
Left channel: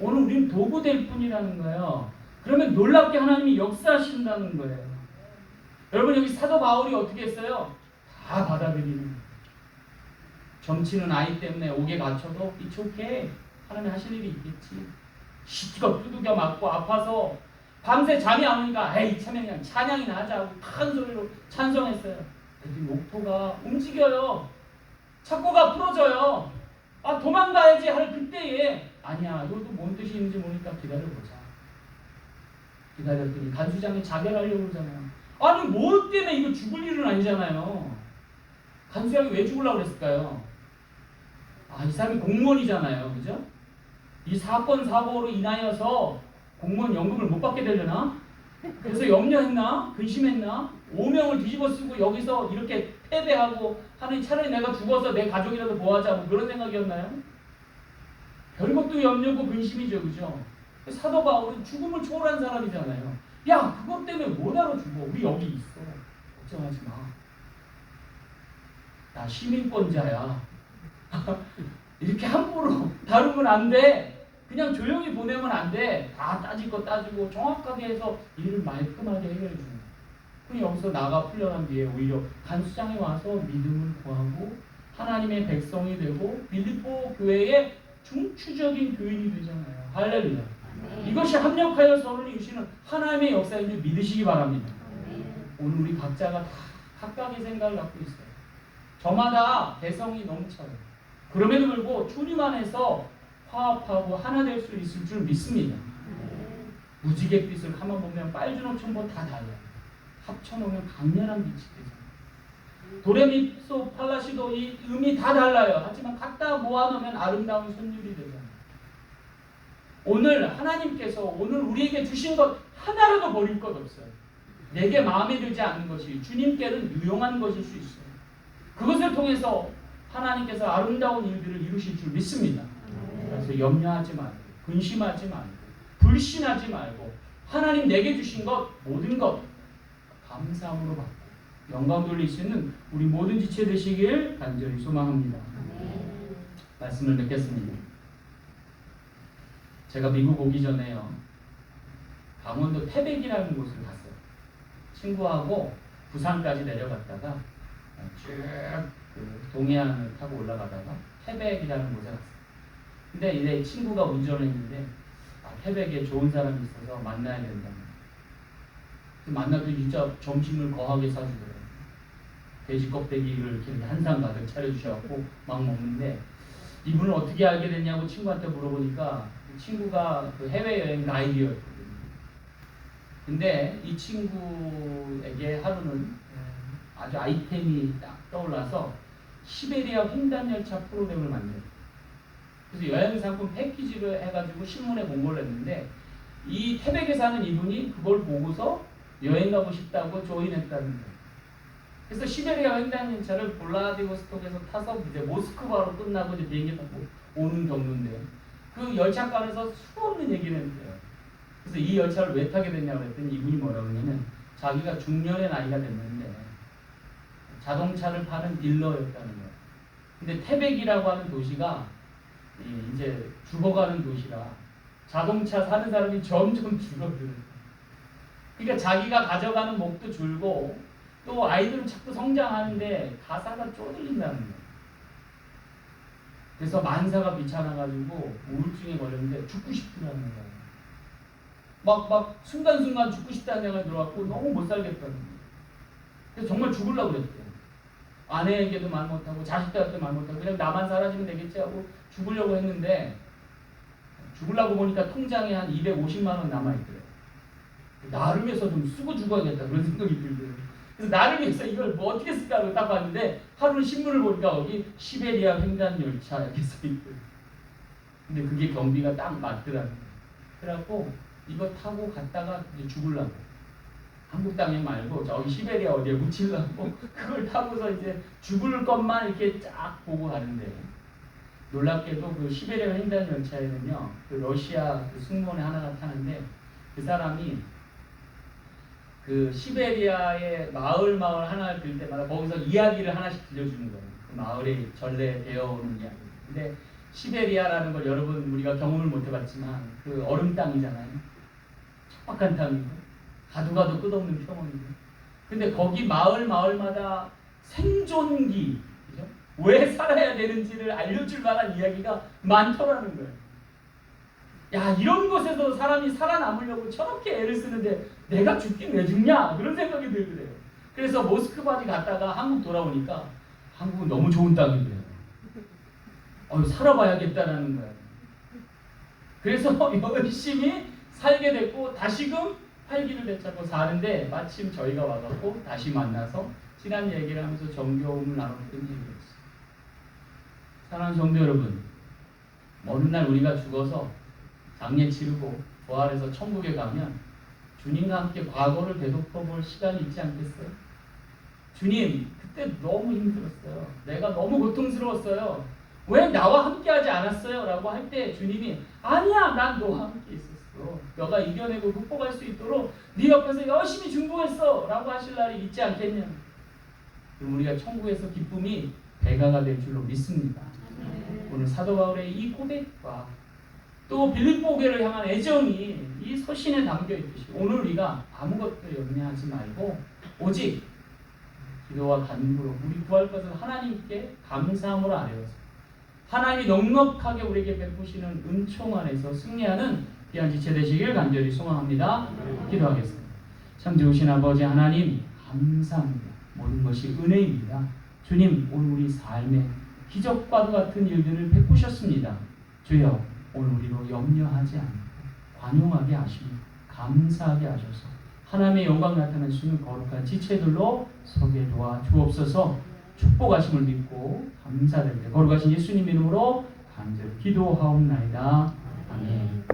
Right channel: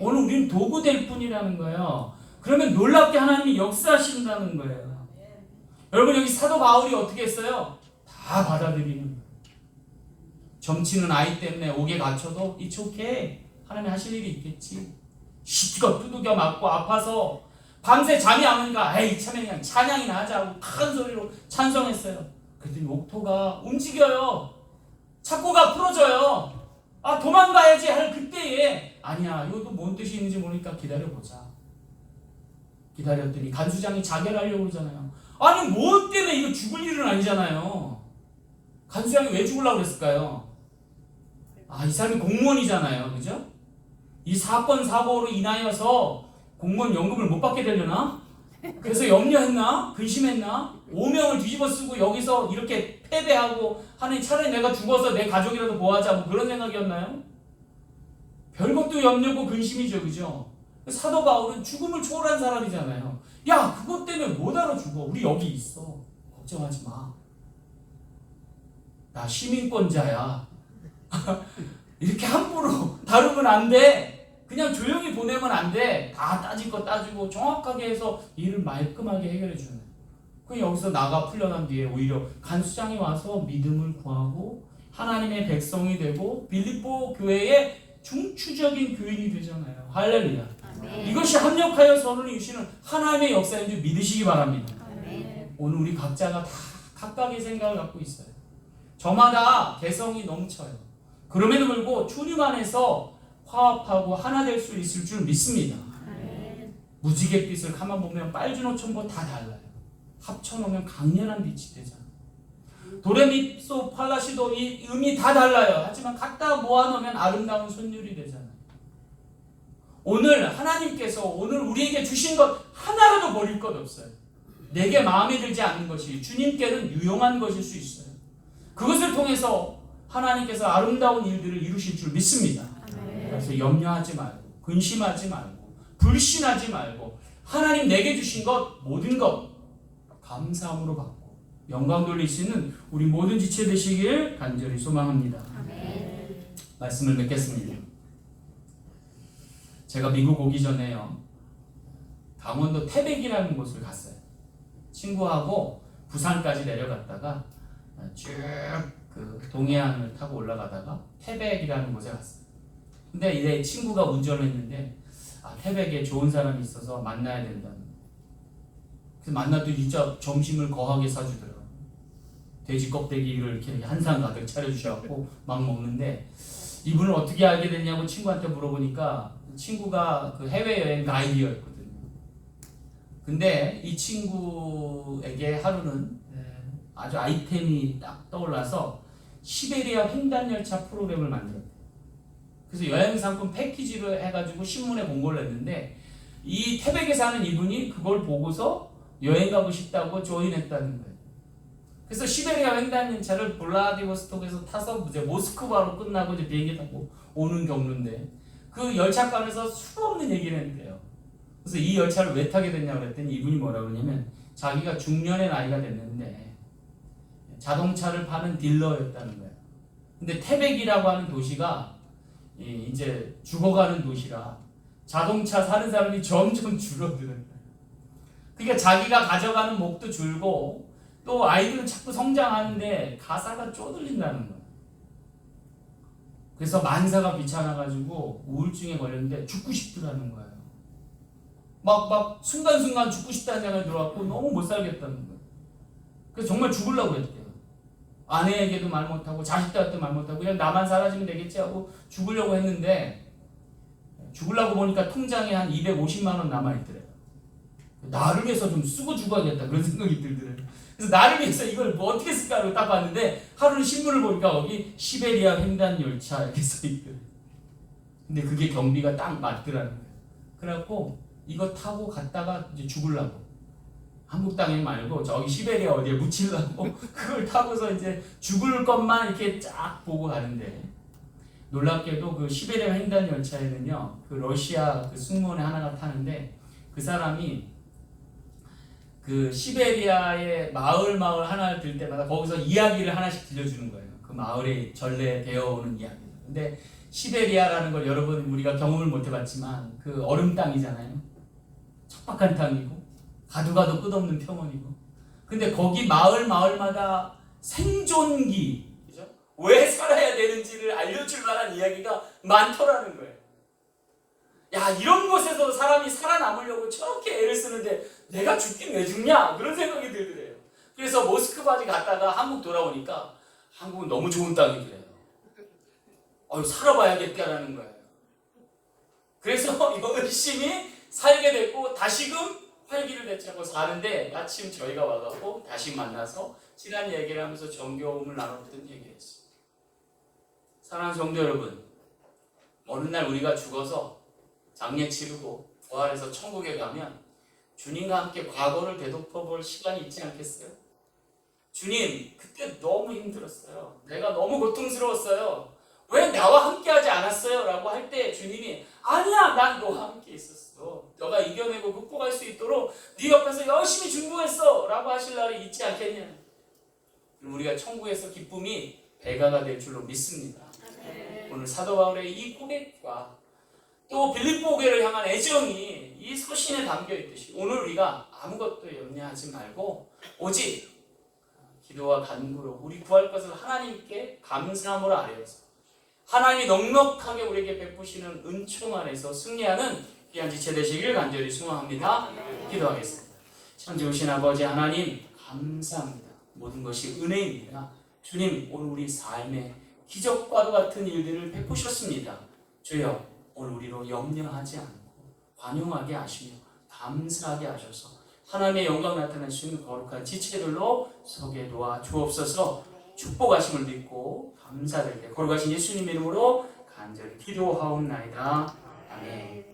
오늘 우리는 도구 될 뿐이라는 거예요. 그러면 놀랍게 하나님이 역사하신다는 거예요. 여러분, 여기 사도 바울이 어떻게 했어요? 다 받아들이는 거예요. 점치는 아이 때문에 옥에 갇혀도 it's okay. 하나님 하실 일이 있겠지. 시티가 두들겨 맞고 아파서 밤새 잠이 안 오니까 에이 참 그냥 찬양이나 하자고 큰 소리로 찬송했어요. 그랬더니 옥토가 움직여요. 착고가 풀어져요. 도망가야지 할 그때에 아니야, 이것도 뭔 뜻이 있는지 모르니까 기다려보자. 기다렸더니 간수장이 자결하려고 그러잖아요. 아니 뭐 때문에 이거 죽을 일은 아니잖아요. 간수장이 왜 죽으려고 그랬을까요? 이 사람이 공무원이잖아요. 그죠? 이 사건 사고로 인하여서 공무원 연금을 못 받게 되려나? 그래서 염려했나? 근심했나? 오명을 뒤집어 쓰고 여기서 이렇게 패배하고 하는, 차라리 내가 죽어서 내 가족이라도 보호하자, 뭐 그런 생각이었나요? 별것도 염려고 근심이죠. 그죠? 사도 바울은 죽음을 초월한 사람이잖아요. 야, 그것 때문에 못 알아 죽어. 우리 여기 있어. 걱정하지 마. 나 시민권자야. 이렇게 함부로 다루면 안 돼. 그냥 조용히 보내면 안 돼. 다 따질 거 따지고 정확하게 해서 일을 말끔하게 해결해 주는 거야. 그럼 여기서 나가 풀려난 뒤에 오히려 간수장에 와서 믿음을 구하고 하나님의 백성이 되고 빌립보 교회의 중추적인 교인이 되잖아요. 할렐루야. 이것이 합력하여 선을 이루시는 하나님의 역사인 줄 믿으시기 바랍니다. 오늘 우리 각자가 다 각각의 생각을 갖고 있어요. 저마다 개성이 넘쳐요. 그럼에도 불구하고 주님 안에서 화합하고 하나 될 수 있을 줄 믿습니다. 무지갯빛을 가만 보면 빨주노 첨보 다 달라요. 합쳐놓으면 강렬한 빛이 되잖아요. 도레미소 팔라시도 이 음이 다 달라요. 하지만 갖다 모아놓으면 아름다운 선율이 되잖아요. 오늘 하나님께서 오늘 우리에게 주신 것 하나라도 버릴 것 없어요. 내게 마음에 들지 않는 것이 주님께는 유용한 것일 수 있어요. 그것을 통해서 하나님께서 아름다운 일들을 이루실 줄 믿습니다. 그래서 염려하지 말고 근심하지 말고 불신하지 말고 하나님 내게 주신 것 모든 것 감사함으로 받고 영광 돌릴 수 있는 우리 모든 지체 되시길 간절히 소망합니다. 말씀을 맺겠습니다. 제가 미국 오기 전에요, 강원도 태백이라는 곳을 갔어요. 친구하고 부산까지 내려갔다가 쭉 그 동해안을 타고 올라가다가 태백이라는 곳에 갔어요. 근데 이제 친구가 운전했는데 태백에 좋은 사람이 있어서 만나야 된다. 그래서 만나도 진짜 점심을 거하게 사주더라고요. 돼지 껍데기를 이렇게 한 상 가득 차려주셔갖고 막 먹는데, 이분을 어떻게 알게 됐냐고 친구한테 물어보니까 친구가 그 해외여행 가이드였거든요. 근데 이 친구에게 하루는 아주 아이템이 딱 떠올라서 시베리아 횡단열차 프로그램을 만들었어요. 그래서 여행상품 패키지를 해가지고 신문에 공고를 했는데, 이 태백에 사는 이분이 그걸 보고서 여행 가고 싶다고 조인했다는 거예요. 그래서 시베리아 횡단열차를 블라디보스톡에서 타서 이제 모스크바로 끝나고 이제 비행기 타고 오는 경로인데, 그 열차간에서 수없는 얘기를 했는데요. 그래서 이 열차를 왜 타게 됐냐고 그랬더니 이분이 뭐라고 하냐면 자기가 중년의 나이가 됐는데 자동차를 파는 딜러였다는 거예요. 근데 태백이라고 하는 도시가 이제 죽어가는 도시라 자동차 사는 사람이 점점 줄어드는 거예요. 그러니까 자기가 가져가는 목도 줄고 또 아이들은 자꾸 성장하는데 가사가 쪼들린다는 거예요. 그래서 만사가 귀찮아가지고 우울증에 걸렸는데 죽고 싶더라는 거예요. 막 순간순간 죽고 싶다는 생각이 들어갖고 너무 못 살겠다는 거예요. 그래서 정말 죽으려고 그랬대요. 아내에게도 말 못하고 자식들한테 말 못하고 그냥 나만 사라지면 되겠지 하고 죽으려고 했는데, 죽으려고 보니까 통장에 한 250만 원 남아있더래요. 나를 위해서 좀 쓰고 죽어야겠다 그런 생각이 들더래요. 그래서 나를 위해서 이걸 뭐 어떻게 쓸까 하고 딱 봤는데 하루는 신문을 보니까 거기 시베리아 횡단열차 이렇게 써있더래요. 근데 그게 경비가 딱 맞더라는 거예요. 그래갖고 이거 타고 갔다가 이제 죽으려고, 한국 땅에 말고 저기 시베리아 어디에 묻히려고 그걸 타고서 이제 죽을 것만 이렇게 쫙 보고 가는데, 놀랍게도 그 시베리아 횡단열차에는요 그 러시아 그 승무원의 하나가 타는데, 그 사람이 그 시베리아의 마을 하나를 들 때마다 거기서 이야기를 하나씩 들려주는 거예요. 그 마을에 전래 되어오는 이야기. 근데 시베리아라는 걸 여러분 우리가 경험을 못 해봤지만 그 얼음 땅이잖아요. 척박한 땅이고 가도 끝없는 평원이고. 근데 거기 마을마다 생존기, 그죠? 왜 살아야 되는지를 알려줄 만한 이야기가 많더라는 거예요. 야, 이런 곳에서 사람이 살아남으려고 저렇게 애를 쓰는데 내가 죽긴 왜 죽냐? 그런 생각이 들더래요. 그래서 모스크바까지 갔다가 한국 돌아오니까 한국은 너무 좋은 땅이래요. 살아봐야겠다라는 거예요. 그래서 열심히 살게 됐고 다시금 활기를 되찾고 사는데, 마침 저희가 와갖고 다시 만나서 지난 얘기를 하면서 정겨움을 나눴던 얘기였어요. 사랑하는 성도 여러분, 어느 날 우리가 죽어서 장례 치르고 부활해서 천국에 가면 주님과 함께 과거를 되돌아볼 시간이 있지 않겠어요? 주님, 그때 너무 힘들었어요. 내가 너무 고통스러웠어요. 왜 나와 함께 하지 않았어요? 라고 할 때 주님이 아니야, 난 너와 함께 있었어. 너가 이겨내고 극복할 수 있도록 네 옆에서 열심히 중보했어 라고 하실 날이 있지 않겠냐? 그럼 우리가 천국에서 기쁨이 배가가 될 줄로 믿습니다. 오늘 사도 바울의 이 고백과 또 빌립보 교회를 향한 애정이 이 서신에 담겨 있듯이 오늘 우리가 아무것도 염려하지 말고 오직 기도와 간구로 우리 구할 것을 하나님께 감사함으로 아뢰어서 하나님이 넉넉하게 우리에게 베푸시는 은총 안에서 승리하는 귀한 지체 되시길 간절히 소망합니다. 기도하겠습니다. 참 좋으신 아버지 하나님 감사합니다. 모든 것이 은혜입니다. 주님 오늘 우리 삶에 기적과도 같은 일들을 베푸셨습니다. 주여 오늘 우리로 염려하지 않고 관용하게 하시며 감사하게 하셔서 하나님의 영광 나타낼 수 있는 거룩한 지체들로 서게 도와 주옵소서. 축복하심을 믿고 감사드립니다. 거룩하신 예수님 이름으로 간절히 기도하옵나이다. 아멘.